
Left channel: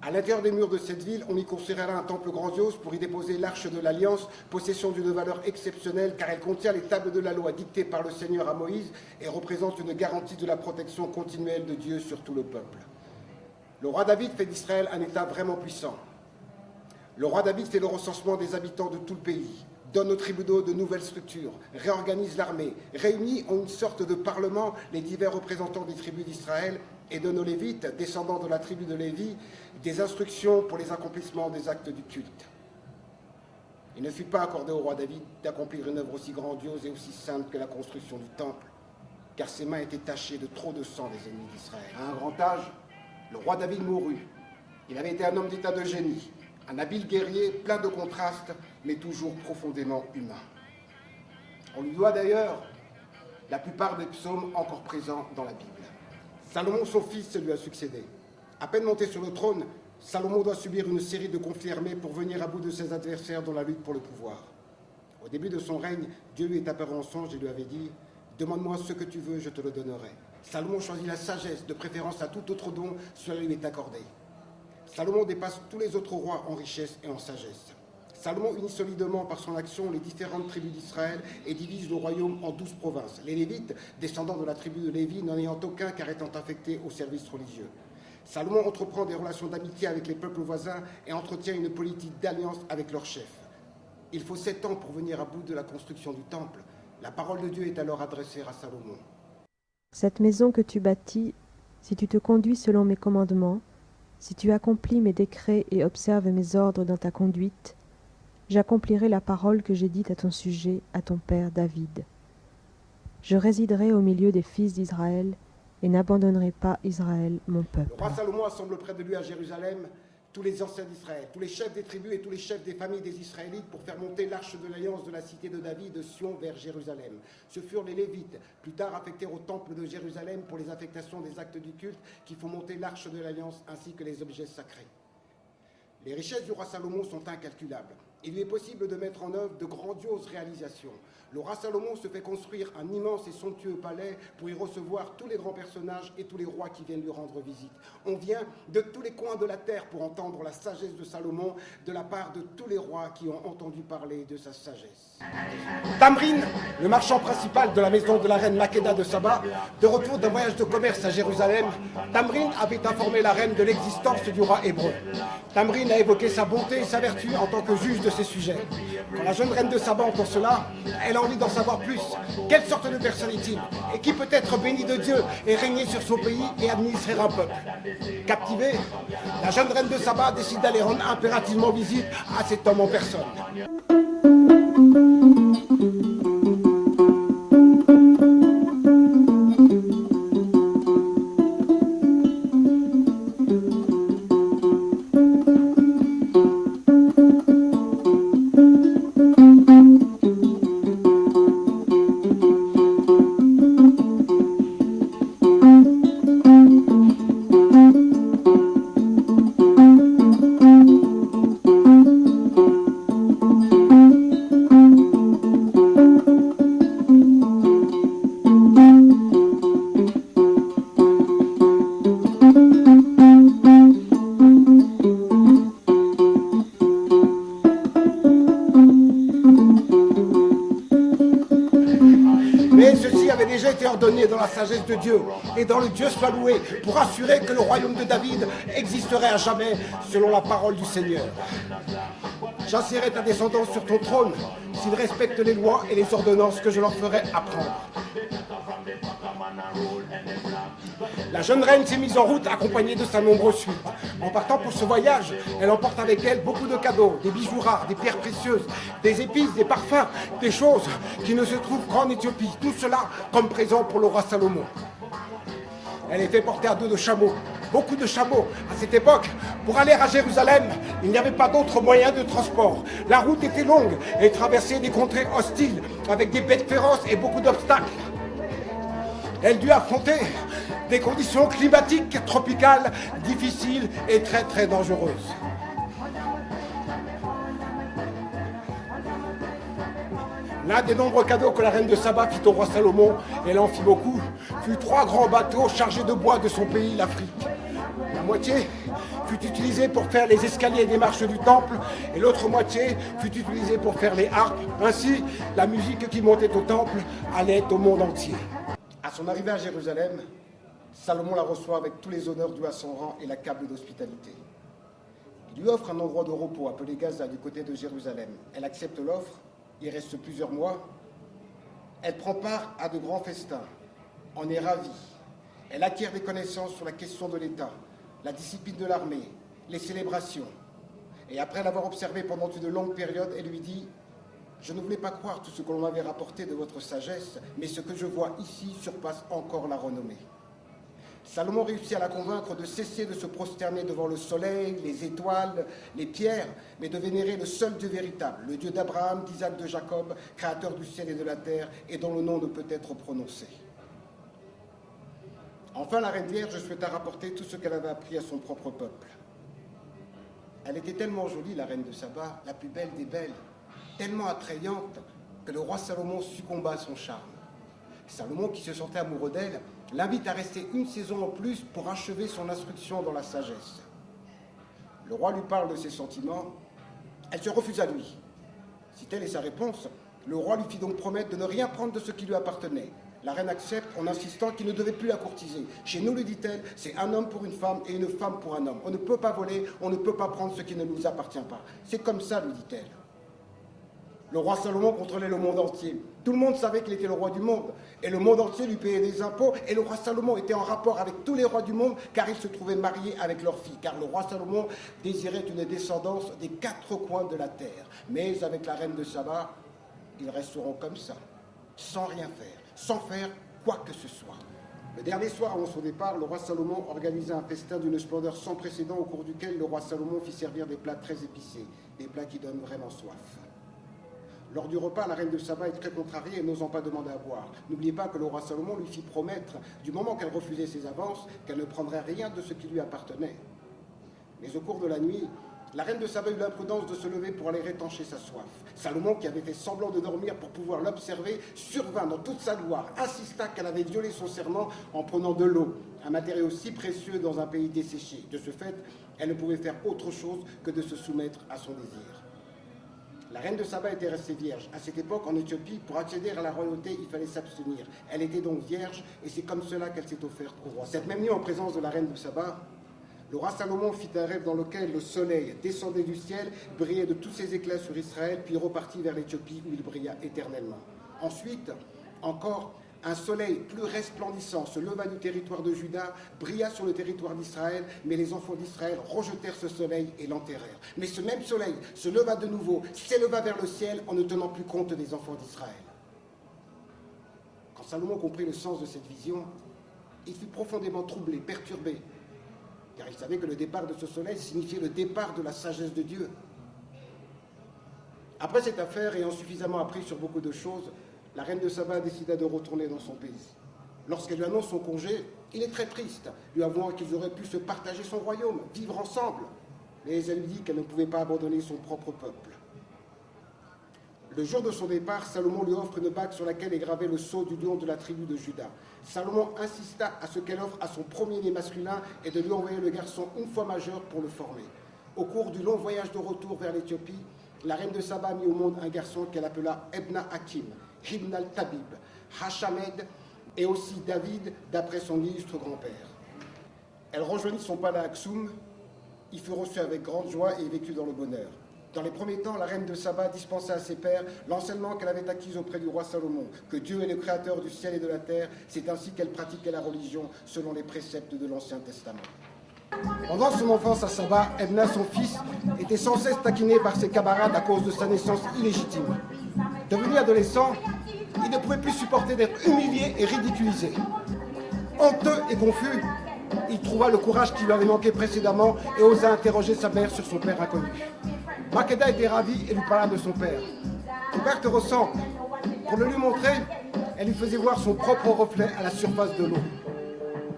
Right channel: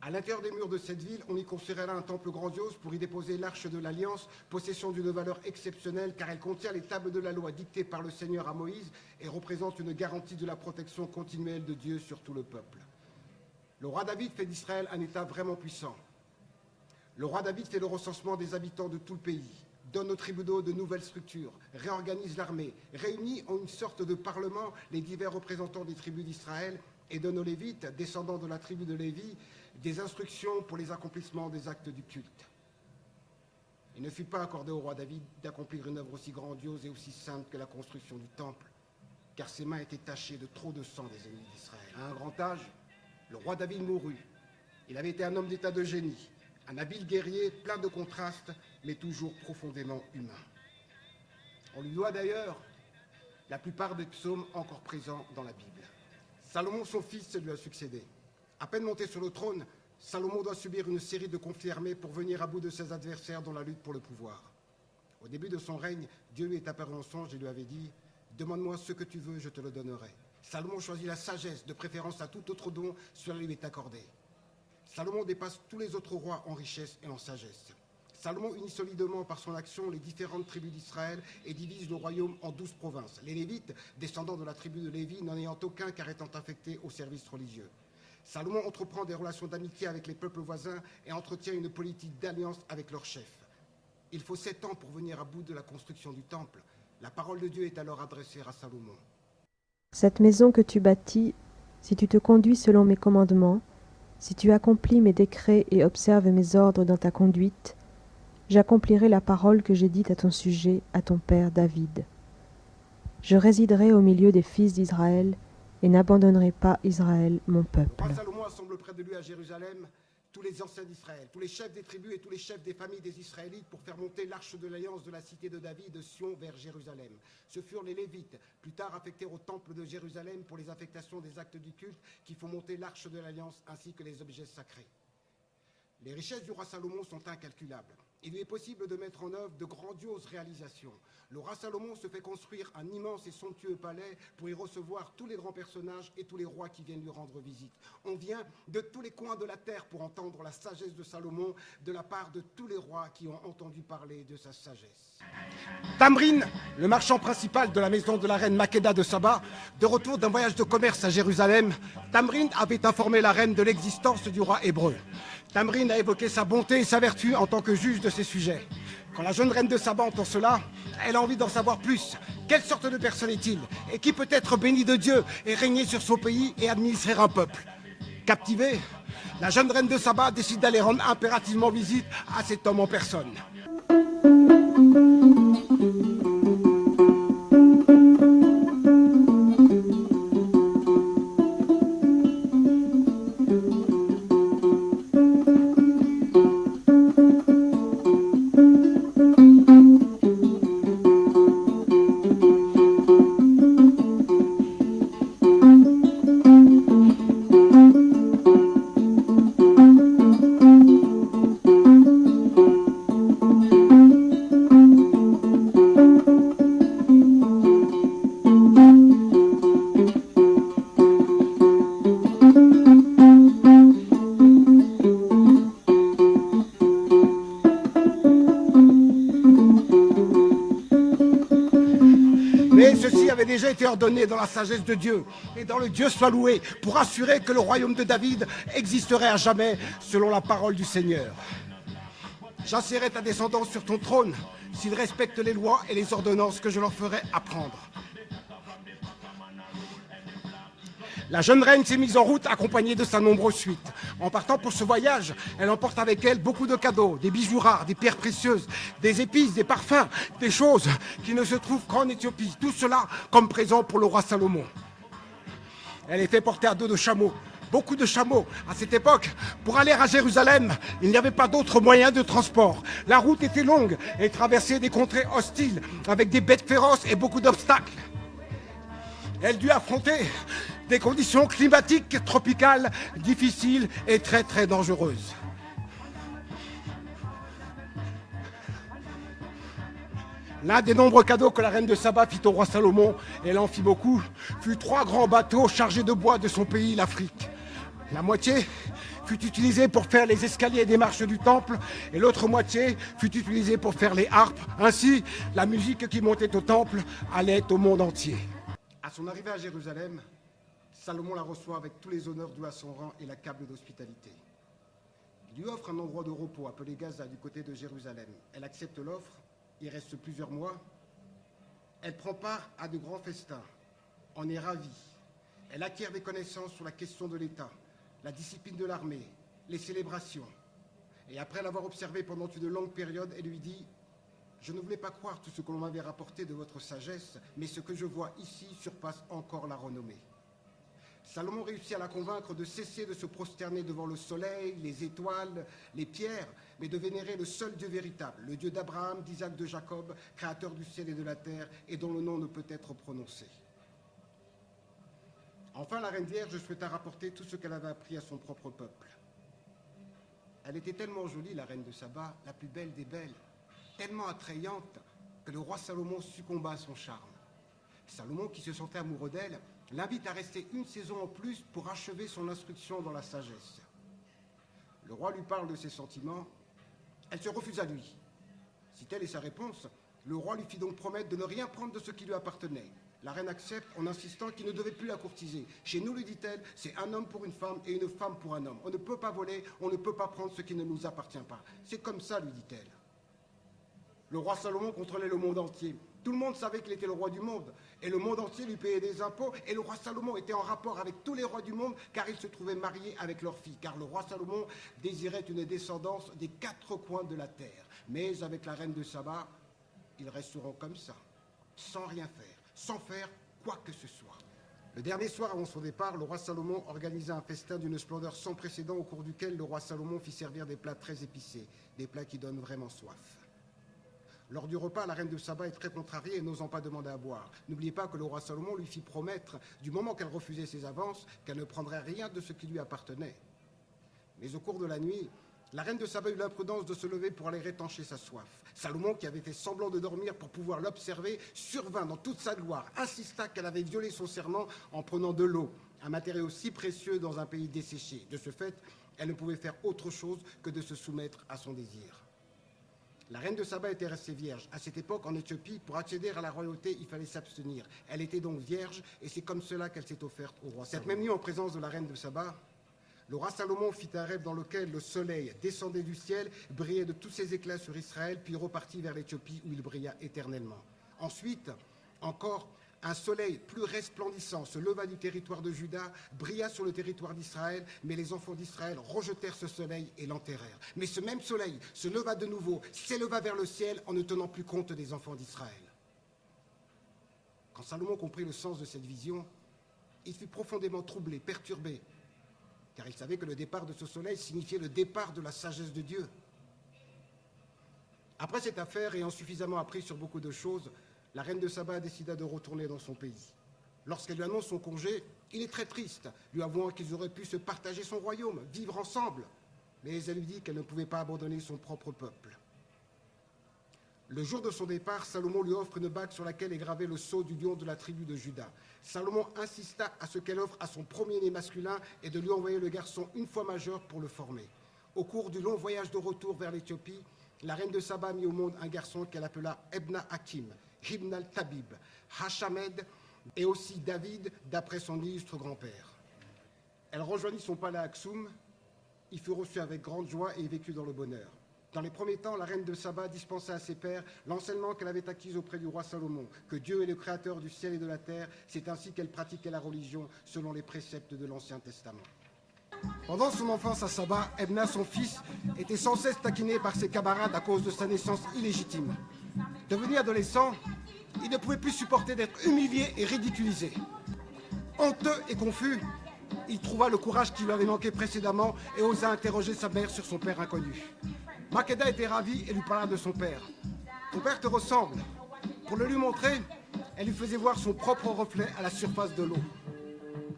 À l'intérieur des murs de cette ville, on y construira un temple grandiose pour y déposer l'arche de l'Alliance, possession d'une valeur exceptionnelle car elle contient les tables de la loi dictées par le Seigneur à Moïse et représente une garantie de la protection continuelle de Dieu sur tout le peuple. Le roi David fait d'Israël un État vraiment puissant. Le roi David fait le recensement des habitants de tout le pays, donne aux tribunaux de nouvelles structures, réorganise l'armée, réunit en une sorte de parlement les divers représentants des tribus d'Israël et donne aux Lévites, descendants de la tribu de Lévi, des instructions pour les accomplissements des actes du culte. Il ne fut pas accordé au roi David d'accomplir une œuvre aussi grandiose et aussi sainte que la construction du temple, car ses mains étaient tachées de trop de sang des ennemis d'Israël. À un grand âge, le roi David mourut. Il avait été un homme d'état de génie, un habile guerrier plein de contrastes, mais toujours profondément humain. On lui doit d'ailleurs la plupart des psaumes encore présents dans la Bible. Salomon, son fils, lui a succédé. À peine monté sur le trône, Salomon doit subir une série de conflits armés pour venir à bout de ses adversaires dans la lutte pour le pouvoir. Au début de son règne, Dieu lui est apparu en songe et lui avait dit « Demande-moi ce que tu veux, je te le donnerai ». Salomon choisit la sagesse, de préférence à tout autre don, cela lui est accordé. Salomon dépasse tous les autres rois en richesse et en sagesse. Salomon unit solidement par son action les différentes tribus d'Israël et divise le royaume en 12 provinces. Les Lévites, descendants de la tribu de Lévi, n'en ayant aucun car étant affectés au service religieux. Salomon entreprend des relations d'amitié avec les peuples voisins et entretient une politique d'alliance avec leurs chefs. Il faut 7 ans pour venir à bout de la construction du temple. La parole de Dieu est alors adressée à Salomon. Cette maison que tu bâtis, si tu te conduis selon mes commandements, si tu accomplis mes décrets et observes mes ordres dans ta conduite, j'accomplirai la parole que j'ai dite à ton sujet, à ton père David. Je résiderai au milieu des fils d'Israël et n'abandonnerai pas Israël, mon peuple. Le roi Salomon assemble près de lui à Jérusalem tous les anciens d'Israël, tous les chefs des tribus et tous les chefs des familles des Israélites pour faire monter l'arche de l'alliance de la cité de David de Sion vers Jérusalem. Ce furent les Lévites, plus tard affectés au temple de Jérusalem pour les affectations des actes du culte qui font monter l'arche de l'alliance ainsi que les objets sacrés. Les richesses du roi Salomon sont incalculables. Il lui est possible de mettre en œuvre de grandioses réalisations. Le roi Salomon se fait construire un immense et somptueux palais pour y recevoir tous les grands personnages et tous les rois qui viennent lui rendre visite. On vient de tous les coins de la terre pour entendre la sagesse de Salomon de la part de tous les rois qui ont entendu parler de sa sagesse. Tamrin, le marchand principal de la maison de la reine Makeda de Saba, de retour d'un voyage de commerce à Jérusalem, Tamrin avait informé la reine de l'existence du roi hébreu. Tamrin a évoqué sa bonté et sa vertu en tant que juge de ses sujets. Quand la jeune reine de Saba entend cela, elle a envie d'en savoir plus. Quelle sorte de personne est-il? Et qui peut être béni de Dieu et régner sur son pays et administrer un peuple? Captivée, la jeune reine de Saba décide d'aller rendre impérativement visite à cet homme en personne. Dans la sagesse de Dieu et dans le Dieu soit loué pour assurer que le royaume de David existerait à jamais selon la parole du Seigneur. J'assiérai ta descendance sur ton trône s'ils respectent les lois et les ordonnances que je leur ferai apprendre. La jeune reine s'est mise en route accompagnée de sa nombreuse suite. En partant pour ce voyage, elle emporte avec elle beaucoup de cadeaux, des bijoux rares, des pierres précieuses, des épices, des parfums, des choses qui ne se trouvent qu'en Éthiopie. Tout cela comme présent pour le roi Salomon. Elle est fait porter à dos de chameaux, beaucoup de chameaux. À cette époque, pour aller à Jérusalem, il n'y avait pas d'autre moyen de transport. La route était longue et traversait des contrées hostiles avec des bêtes féroces et beaucoup d'obstacles. Elle dut affronter des conditions climatiques tropicales difficiles et très très dangereuses. L'un des nombreux cadeaux que la reine de Saba fit au roi Salomon, et elle en fit beaucoup, fut 3 grands bateaux chargés de bois de son pays, l'Afrique. La moitié fut utilisée pour faire les escaliers des marches du temple, et l'autre moitié fut utilisée pour faire les harpes. Ainsi, la musique qui montait au temple allait au monde entier. À son arrivée à Jérusalem, Salomon la reçoit avec tous les honneurs dus à son rang et l'accable d'hospitalité. Il lui offre un endroit de repos appelé Gaza du côté de Jérusalem. Elle accepte l'offre, il reste plusieurs mois. Elle prend part à de grands festins, en est ravie. Elle acquiert des connaissances sur la question de l'État, la discipline de l'armée, les célébrations. Et après l'avoir observé pendant une longue période, elle lui dit « Je ne voulais pas croire tout ce que l'on m'avait rapporté de votre sagesse, mais ce que je vois ici surpasse encore la renommée. » Salomon réussit à la convaincre de cesser de se prosterner devant le soleil, les étoiles, les pierres, mais de vénérer le seul Dieu véritable, le Dieu d'Abraham, d'Isaac, de Jacob, créateur du ciel et de la terre, et dont le nom ne peut être prononcé. Enfin, la reine vierge souhaita rapporter tout ce qu'elle avait appris à son propre peuple. Elle était tellement jolie, la reine de Saba, la plus belle des belles, tellement attrayante que le roi Salomon succomba à son charme. Salomon, qui se sentait amoureux d'elle, l'invite à rester une saison en plus pour achever son instruction dans la sagesse. Le roi lui parle de ses sentiments. Elle se refuse à lui. Si telle est sa réponse, le roi lui fit donc promettre de ne rien prendre de ce qui lui appartenait. La reine accepte en insistant qu'il ne devait plus la courtiser. Chez nous, lui dit-elle, c'est un homme pour une femme et une femme pour un homme. On ne peut pas voler, on ne peut pas prendre ce qui ne nous appartient pas. C'est comme ça, lui dit-elle. Le roi Salomon contrôlait le monde entier. Tout le monde savait qu'il était le roi du monde. Et le monde entier lui payait des impôts. Et le roi Salomon était en rapport avec tous les rois du monde, car il se trouvait marié avec leurs filles. Car le roi Salomon désirait une descendance des 4 coins de la terre. Mais avec la reine de Saba, ils resteront comme ça, sans rien faire, sans faire quoi que ce soit. Le dernier soir avant son départ, le roi Salomon organisa un festin d'une splendeur sans précédent au cours duquel le roi Salomon fit servir des plats très épicés, des plats qui donnent vraiment soif. Lors du repas, la reine de Saba est très contrariée et n'osant pas demander à boire. N'oubliez pas que le roi Salomon lui fit promettre, du moment qu'elle refusait ses avances, qu'elle ne prendrait rien de ce qui lui appartenait. Mais au cours de la nuit, la reine de Saba eut l'imprudence de se lever pour aller étancher sa soif. Salomon, qui avait fait semblant de dormir pour pouvoir l'observer, survint dans toute sa gloire, insista qu'elle avait violé son serment en prenant de l'eau, un matériau si précieux dans un pays desséché. De ce fait, elle ne pouvait faire autre chose que de se soumettre à son désir. La reine de Saba était restée vierge. À cette époque, en Éthiopie, pour accéder à la royauté, il fallait s'abstenir. Elle était donc vierge, et c'est comme cela qu'elle s'est offerte au roi. Cette même nuit, en présence de la reine de Saba, le roi Salomon fit un rêve dans lequel le soleil descendait du ciel, brillait de tous ses éclats sur Israël, puis repartit vers l'Éthiopie où il brilla éternellement. Ensuite, encore, un soleil plus resplendissant se leva du territoire de Juda, brilla sur le territoire d'Israël, mais les enfants d'Israël rejetèrent ce soleil et l'enterrèrent. Mais ce même soleil se leva de nouveau, s'éleva vers le ciel en ne tenant plus compte des enfants d'Israël. Quand Salomon comprit le sens de cette vision, il fut profondément troublé, perturbé, car il savait que le départ de ce soleil signifiait le départ de la sagesse de Dieu. Après cette affaire, ayant suffisamment appris sur beaucoup de choses, la reine de Saba décida de retourner dans son pays. Lorsqu'elle lui annonce son congé, il est très triste, lui avouant qu'ils auraient pu se partager son royaume, vivre ensemble. Mais elle lui dit qu'elle ne pouvait pas abandonner son propre peuple. Le jour de son départ, Salomon lui offre une bague sur laquelle est gravé le sceau du lion de la tribu de Juda. Salomon insista à ce qu'elle offre à son premier-né masculin et de lui envoyer le garçon une fois majeur pour le former. Au cours du long voyage de retour vers l'Éthiopie, la reine de Saba mit au monde un garçon qu'elle appela Ebna Hakim, Ibn al-Tabib, Hashamed et aussi David, d'après son illustre grand-père. Elle rejoignit son palais à Aksum, il fut reçu avec grande joie et vécut dans le bonheur. Dans les premiers temps, la reine de Saba dispensa à ses pères l'enseignement qu'elle avait acquis auprès du roi Salomon, que Dieu est le créateur du ciel et de la terre, c'est ainsi qu'elle pratiquait la religion selon les préceptes de l'Ancien Testament. Pendant son enfance à Saba, Ebna, son fils, était sans cesse taquiné par ses camarades à cause de sa naissance illégitime. Devenu adolescent, il ne pouvait plus supporter d'être humilié et ridiculisé. Honteux et confus, il trouva le courage qui lui avait manqué précédemment et osa interroger sa mère sur son père inconnu. Makeda était ravie et lui parla de son père. « Ton père te ressemble. » Pour le lui montrer, elle lui faisait voir son propre reflet à la surface de l'eau.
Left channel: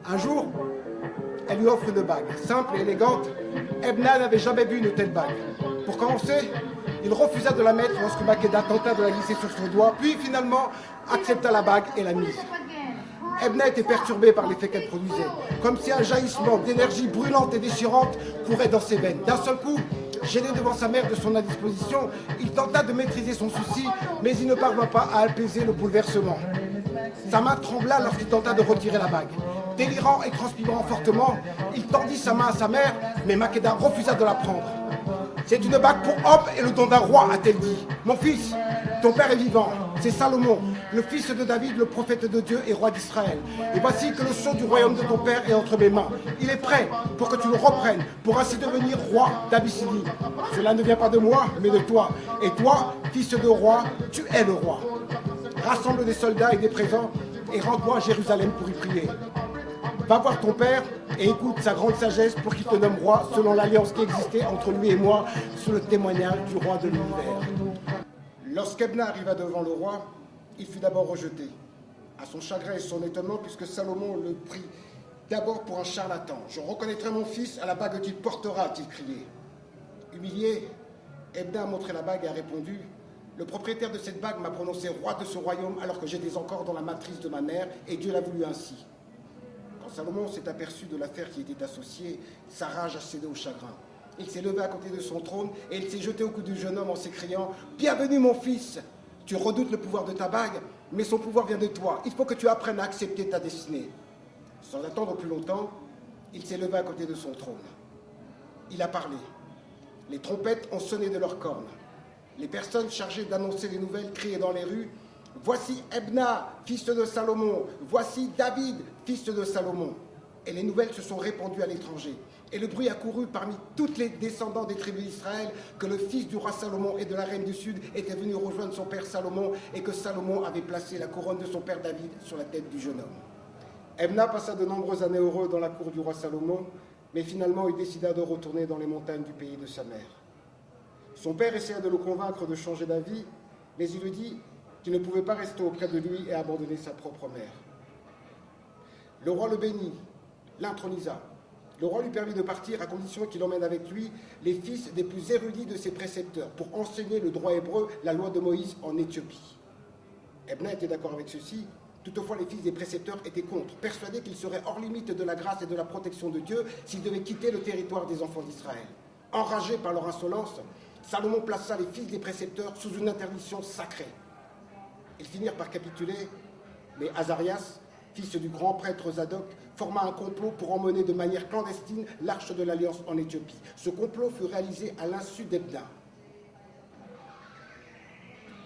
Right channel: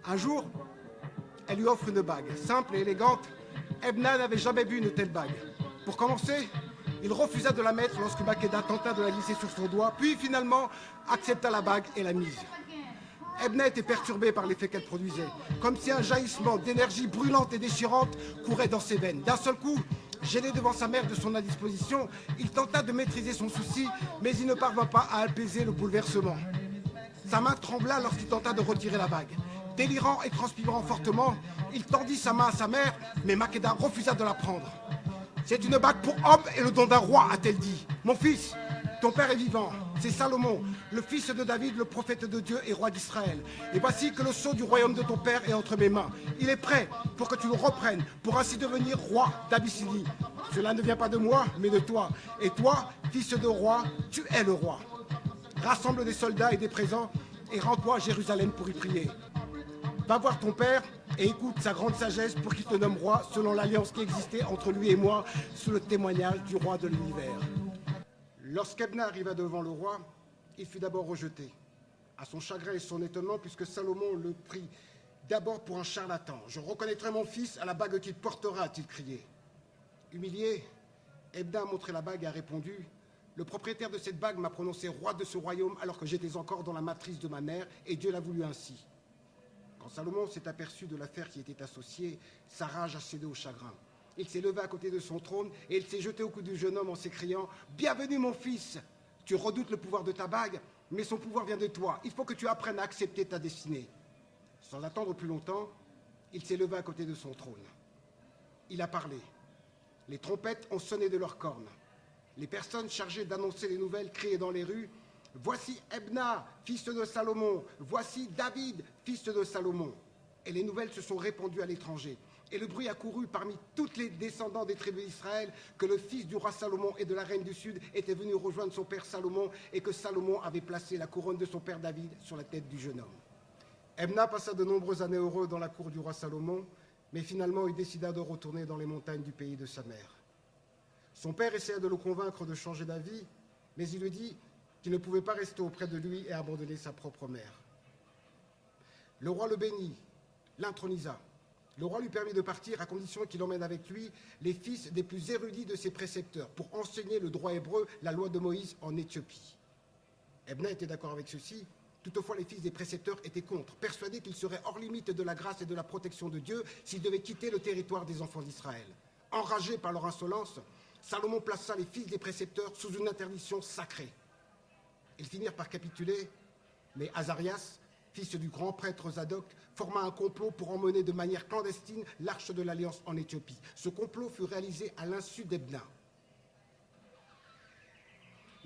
Un jour, elle lui offre une bague, simple et élégante. Ebna n'avait jamais vu une telle bague. Pour commencer, il refusa de la mettre lorsque Makeda tenta de la glisser sur son doigt, puis finalement accepta la bague et la mise. Ebna était perturbée par l'effet qu'elle produisait, comme si un jaillissement d'énergie brûlante et déchirante courait dans ses veines. D'un seul coup, gêné devant sa mère de son indisposition, il tenta de maîtriser son souci, mais il ne parvint pas à apaiser le bouleversement. Sa main trembla lorsqu'il tenta de retirer la bague. Délirant et transpirant fortement, il tendit sa main à sa mère, mais Makeda refusa de la prendre. « C'est une bague pour Hope et le don d'un roi, a-t-elle dit. Mon fils, ton père est vivant, c'est Salomon, le fils de David, le prophète de Dieu et roi d'Israël. Et voici que le sceau du royaume de ton père est entre mes mains. Il est prêt pour que tu le reprennes, pour ainsi devenir roi d'Abyssinie. Cela ne vient pas de moi, mais de toi. Et toi, fils de roi, tu es le roi. Rassemble des soldats et des présents et rends-toi à Jérusalem pour y prier. Va voir ton père et écoute sa grande sagesse pour qu'il te nomme roi selon l'alliance qui existait entre lui et moi sous le témoignage du roi de l'univers. » Lorsqu'Ebna arriva devant le roi, il fut d'abord rejeté, à son chagrin et son étonnement, puisque Salomon le prit d'abord pour un charlatan. « Je reconnaîtrai mon fils à la bague qu'il portera », a-t-il crié. Humilié, Ebna a montré la bague et a répondu « Le propriétaire de cette bague m'a prononcé roi de ce royaume alors que j'étais encore dans la matrice de ma mère, et Dieu l'a voulu ainsi. Quand Salomon s'est aperçu de l'affaire qui était associée, sa rage a cédé au chagrin. Il s'est levé à côté de son trône et il s'est jeté au cou du jeune homme en s'écriant « Bienvenue mon fils, tu redoutes le pouvoir de ta bague, mais son pouvoir vient de toi. Il faut que tu apprennes à accepter ta destinée. » Sans attendre plus longtemps, il s'est levé à côté de son trône. Il a parlé. Les trompettes ont sonné de leurs cornes. Les personnes chargées d'annoncer les nouvelles criaient dans les rues « Voici Ebna, fils de Salomon. Voici David, fils de Salomon. » Et les nouvelles se sont répandues à l'étranger. Et le bruit a couru parmi tous les descendants des tribus d'Israël que le fils du roi Salomon et de la reine du Sud était venu rejoindre son père Salomon et que Salomon avait placé la couronne de son père David sur la tête du jeune homme. Ebna passa de nombreuses années heureux dans la cour du roi Salomon, mais finalement il décida de retourner dans les montagnes du pays de sa mère. Son père essaya de le convaincre de changer d'avis, mais il lui dit qu'il ne pouvait pas rester auprès de lui et abandonner sa propre mère. Le roi le bénit, l'intronisa. Le roi lui permit de partir à condition qu'il emmène avec lui les fils des plus érudits de ses précepteurs pour enseigner le droit hébreu, la loi de Moïse en Éthiopie. Ebna était d'accord avec ceci. Toutefois, les fils des précepteurs étaient contre, persuadés qu'ils seraient hors limite de la grâce et de la protection de Dieu s'ils devaient quitter le territoire des enfants d'Israël. Enragés par leur insolence, Salomon plaça les fils des précepteurs sous une interdiction sacrée. Ils finirent par capituler, mais Azarias, fils du grand prêtre Zadok, forma un complot pour emmener de manière clandestine l'arche de l'Alliance en Éthiopie. Ce complot fut réalisé à l'insu d'Ebna.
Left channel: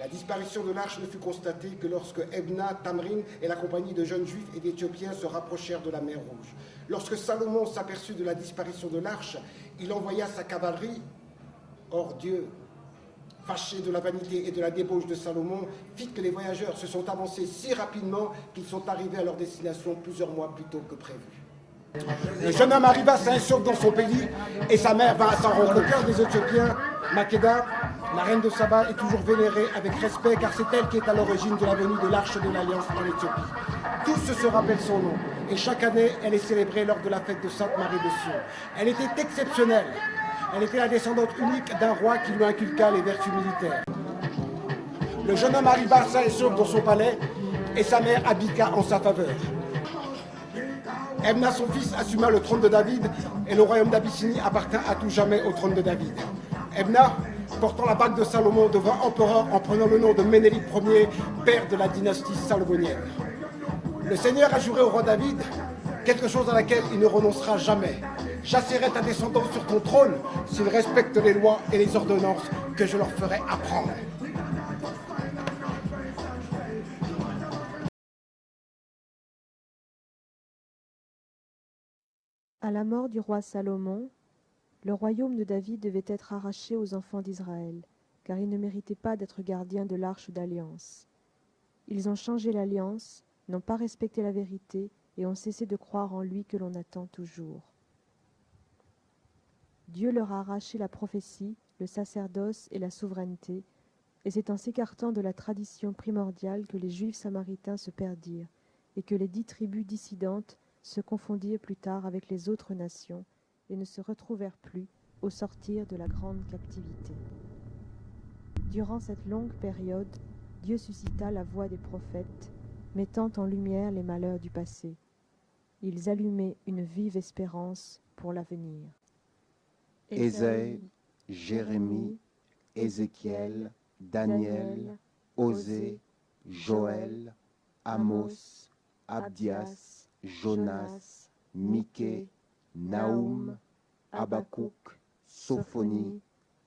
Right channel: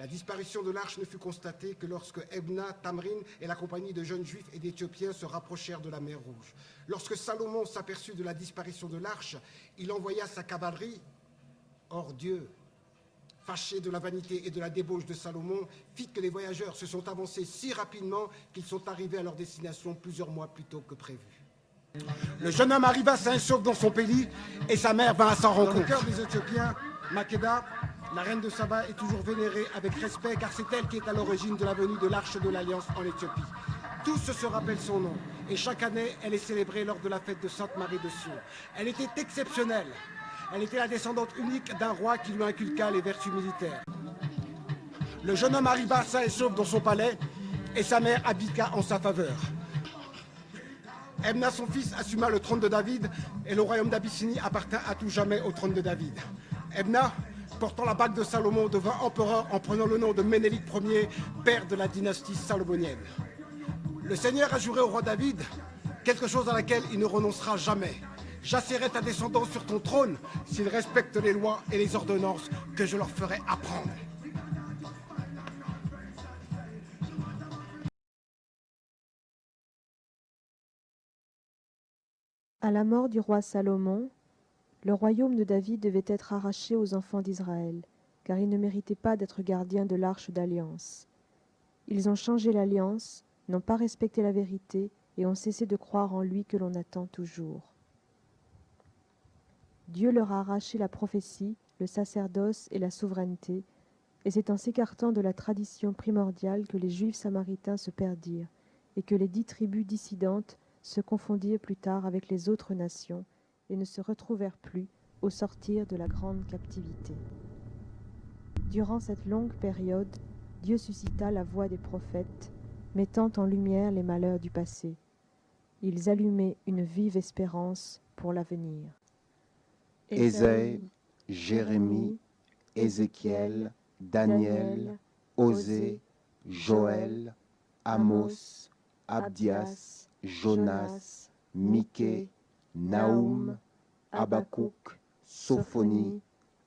La disparition de l'arche ne fut constatée que lorsque Ebna, Tamrin et la compagnie de jeunes juifs et d'Éthiopiens se rapprochèrent de la mer Rouge. Lorsque Salomon s'aperçut de la disparition de l'arche, il envoya sa cavalerie. Or Dieu, fâché de la vanité et de la débauche de Salomon, fit que les voyageurs se sont avancés si rapidement qu'ils sont arrivés à leur destination plusieurs mois plus tôt que prévu. Le jeune homme arriva sain et sauf dans son pays et sa mère va à sa rencontre. Le cœur des Éthiopiens, Makeda, la reine de Saba, est toujours vénérée avec respect car c'est elle qui est à l'origine de la venue de l'arche de l'Alliance en Éthiopie. Tous se rappellent son nom et chaque année elle est célébrée lors de la fête de Sainte Marie de Sion. Elle était exceptionnelle. Elle était la descendante unique d'un roi qui lui inculqua les vertus militaires. Le jeune homme arriva sain et sauf dans son palais et sa mère abdiqua en sa faveur. Ebna, son fils, assuma le trône de David et le royaume d'Abyssinie appartint à tout jamais au trône de David. Ebna, portant la bague de Salomon, devint empereur en prenant le nom de Ménélique Ier, père de la dynastie salomonienne. Le Seigneur a juré au roi David quelque chose à laquelle il ne renoncera jamais. J'assiérai ta descendance sur ton trône s'ils respectent les lois et les ordonnances que je leur ferai apprendre. À la mort du roi Salomon, le royaume de David devait être arraché aux enfants d'Israël, car ils ne méritaient pas d'être gardiens de l'arche d'alliance. Ils ont changé l'alliance, n'ont pas respecté la vérité et ont cessé de croire en lui que l'on attend toujours. Dieu leur a arraché la prophétie, le sacerdoce et la souveraineté, et c'est en s'écartant de la tradition primordiale que les Juifs samaritains se perdirent, et que les 10 tribus dissidentes se confondirent plus tard avec les autres nations et ne se retrouvèrent plus au sortir de la grande captivité. Durant cette longue période, Dieu suscita la voix des prophètes, mettant en lumière les malheurs du passé. Ils allumaient une vive espérance pour l'avenir. Ésaïe, Jérémie, Ézéchiel, Daniel, Osée, Joël, Amos, Abdias, Jonas, Michée, Naoum, Habakkuk, Sophonie,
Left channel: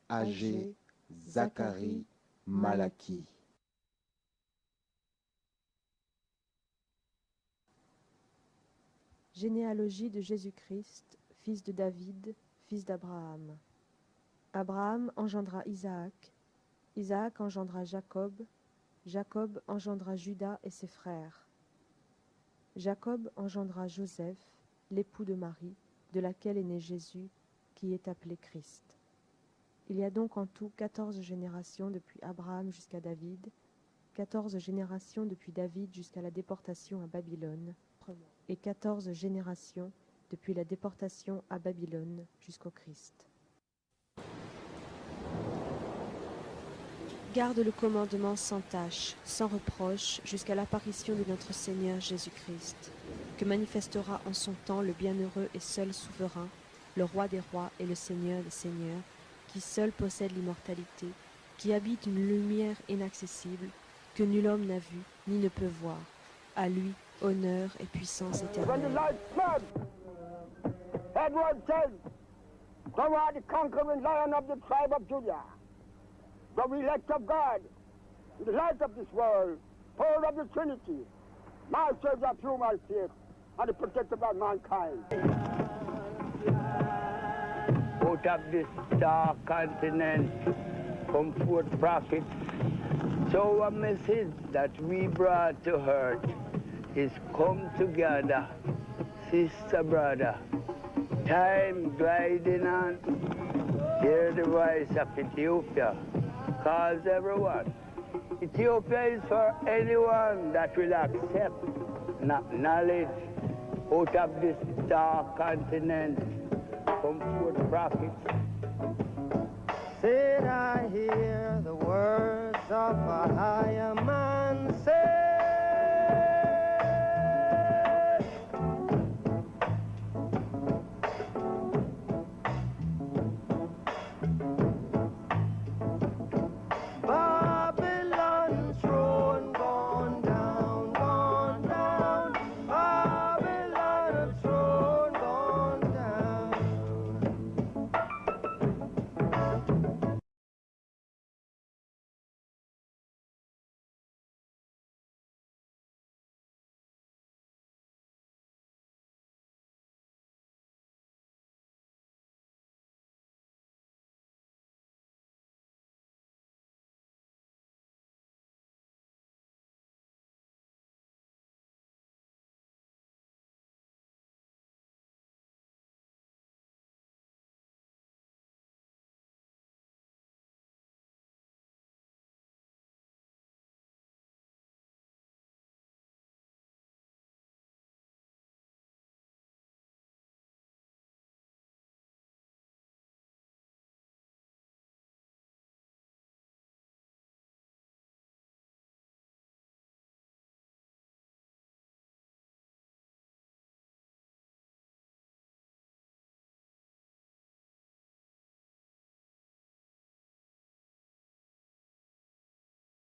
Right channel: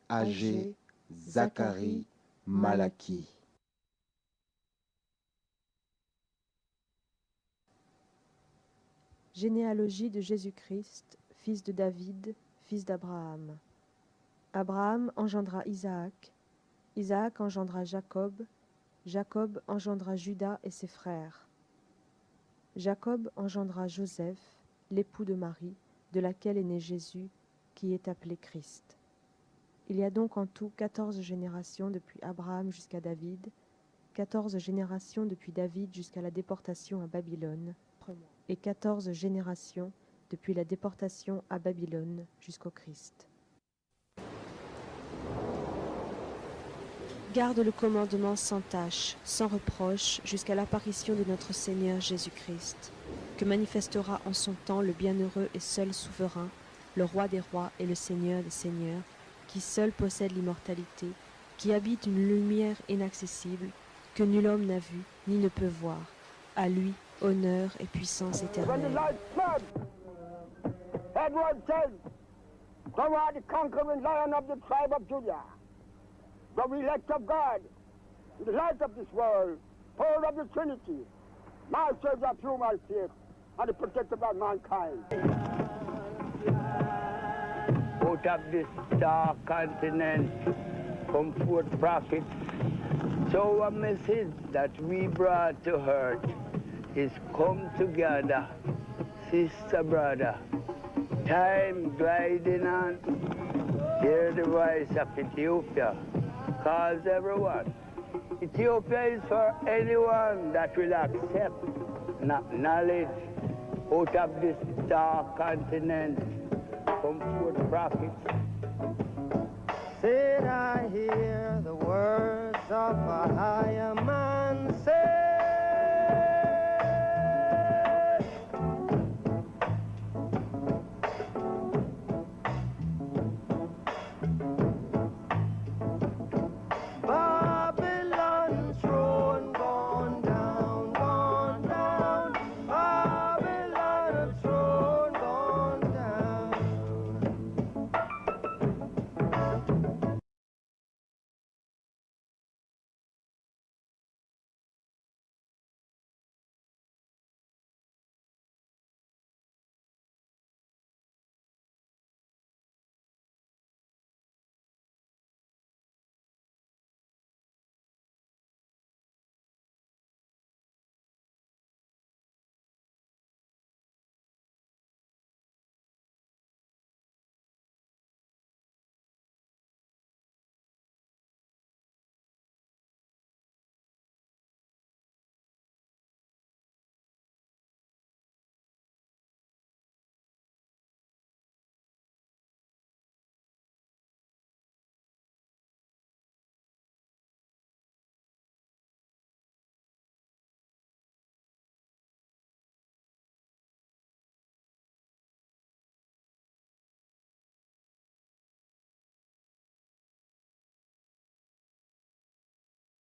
Agé, Zacharie, Malachie. Généalogie de Jésus-Christ, fils de David, fils d'Abraham. Abraham engendra Isaac, Isaac engendra Jacob, Jacob engendra Juda et ses frères. Jacob engendra Joseph, l'époux de Marie, de laquelle est né Jésus, qui est appelé Christ. Il y a donc en tout 14 générations depuis Abraham jusqu'à David, 14 générations depuis David jusqu'à la déportation à Babylone, et 14 générations depuis la déportation à Babylone jusqu'au Christ. Garde le commandement sans tâche, sans reproche, jusqu'à l'apparition de notre Seigneur Jésus-Christ, que manifestera en son temps le bienheureux et seul souverain, le roi des rois et le Seigneur des seigneurs, qui seul possède l'immortalité, qui habite une lumière inaccessible, que nul homme n'a vue ni ne peut voir. À lui, honneur et puissance éternelle. Edward said, "Thou art the conquering lion of the tribe of Judah, the elect of God, the light of this world, hold of the Trinity, masters of human faith, and the protector of mankind." Out of this dark continent come forth prophets. So a message that we brought to earth is come together, sister, brother. Time gliding on. Hear the voice of Ethiopia. Calls everyone. Ethiopia is for anyone that will accept and acknowledge out of this dark continent come forth prophets. Said I hear the words of a higher man say,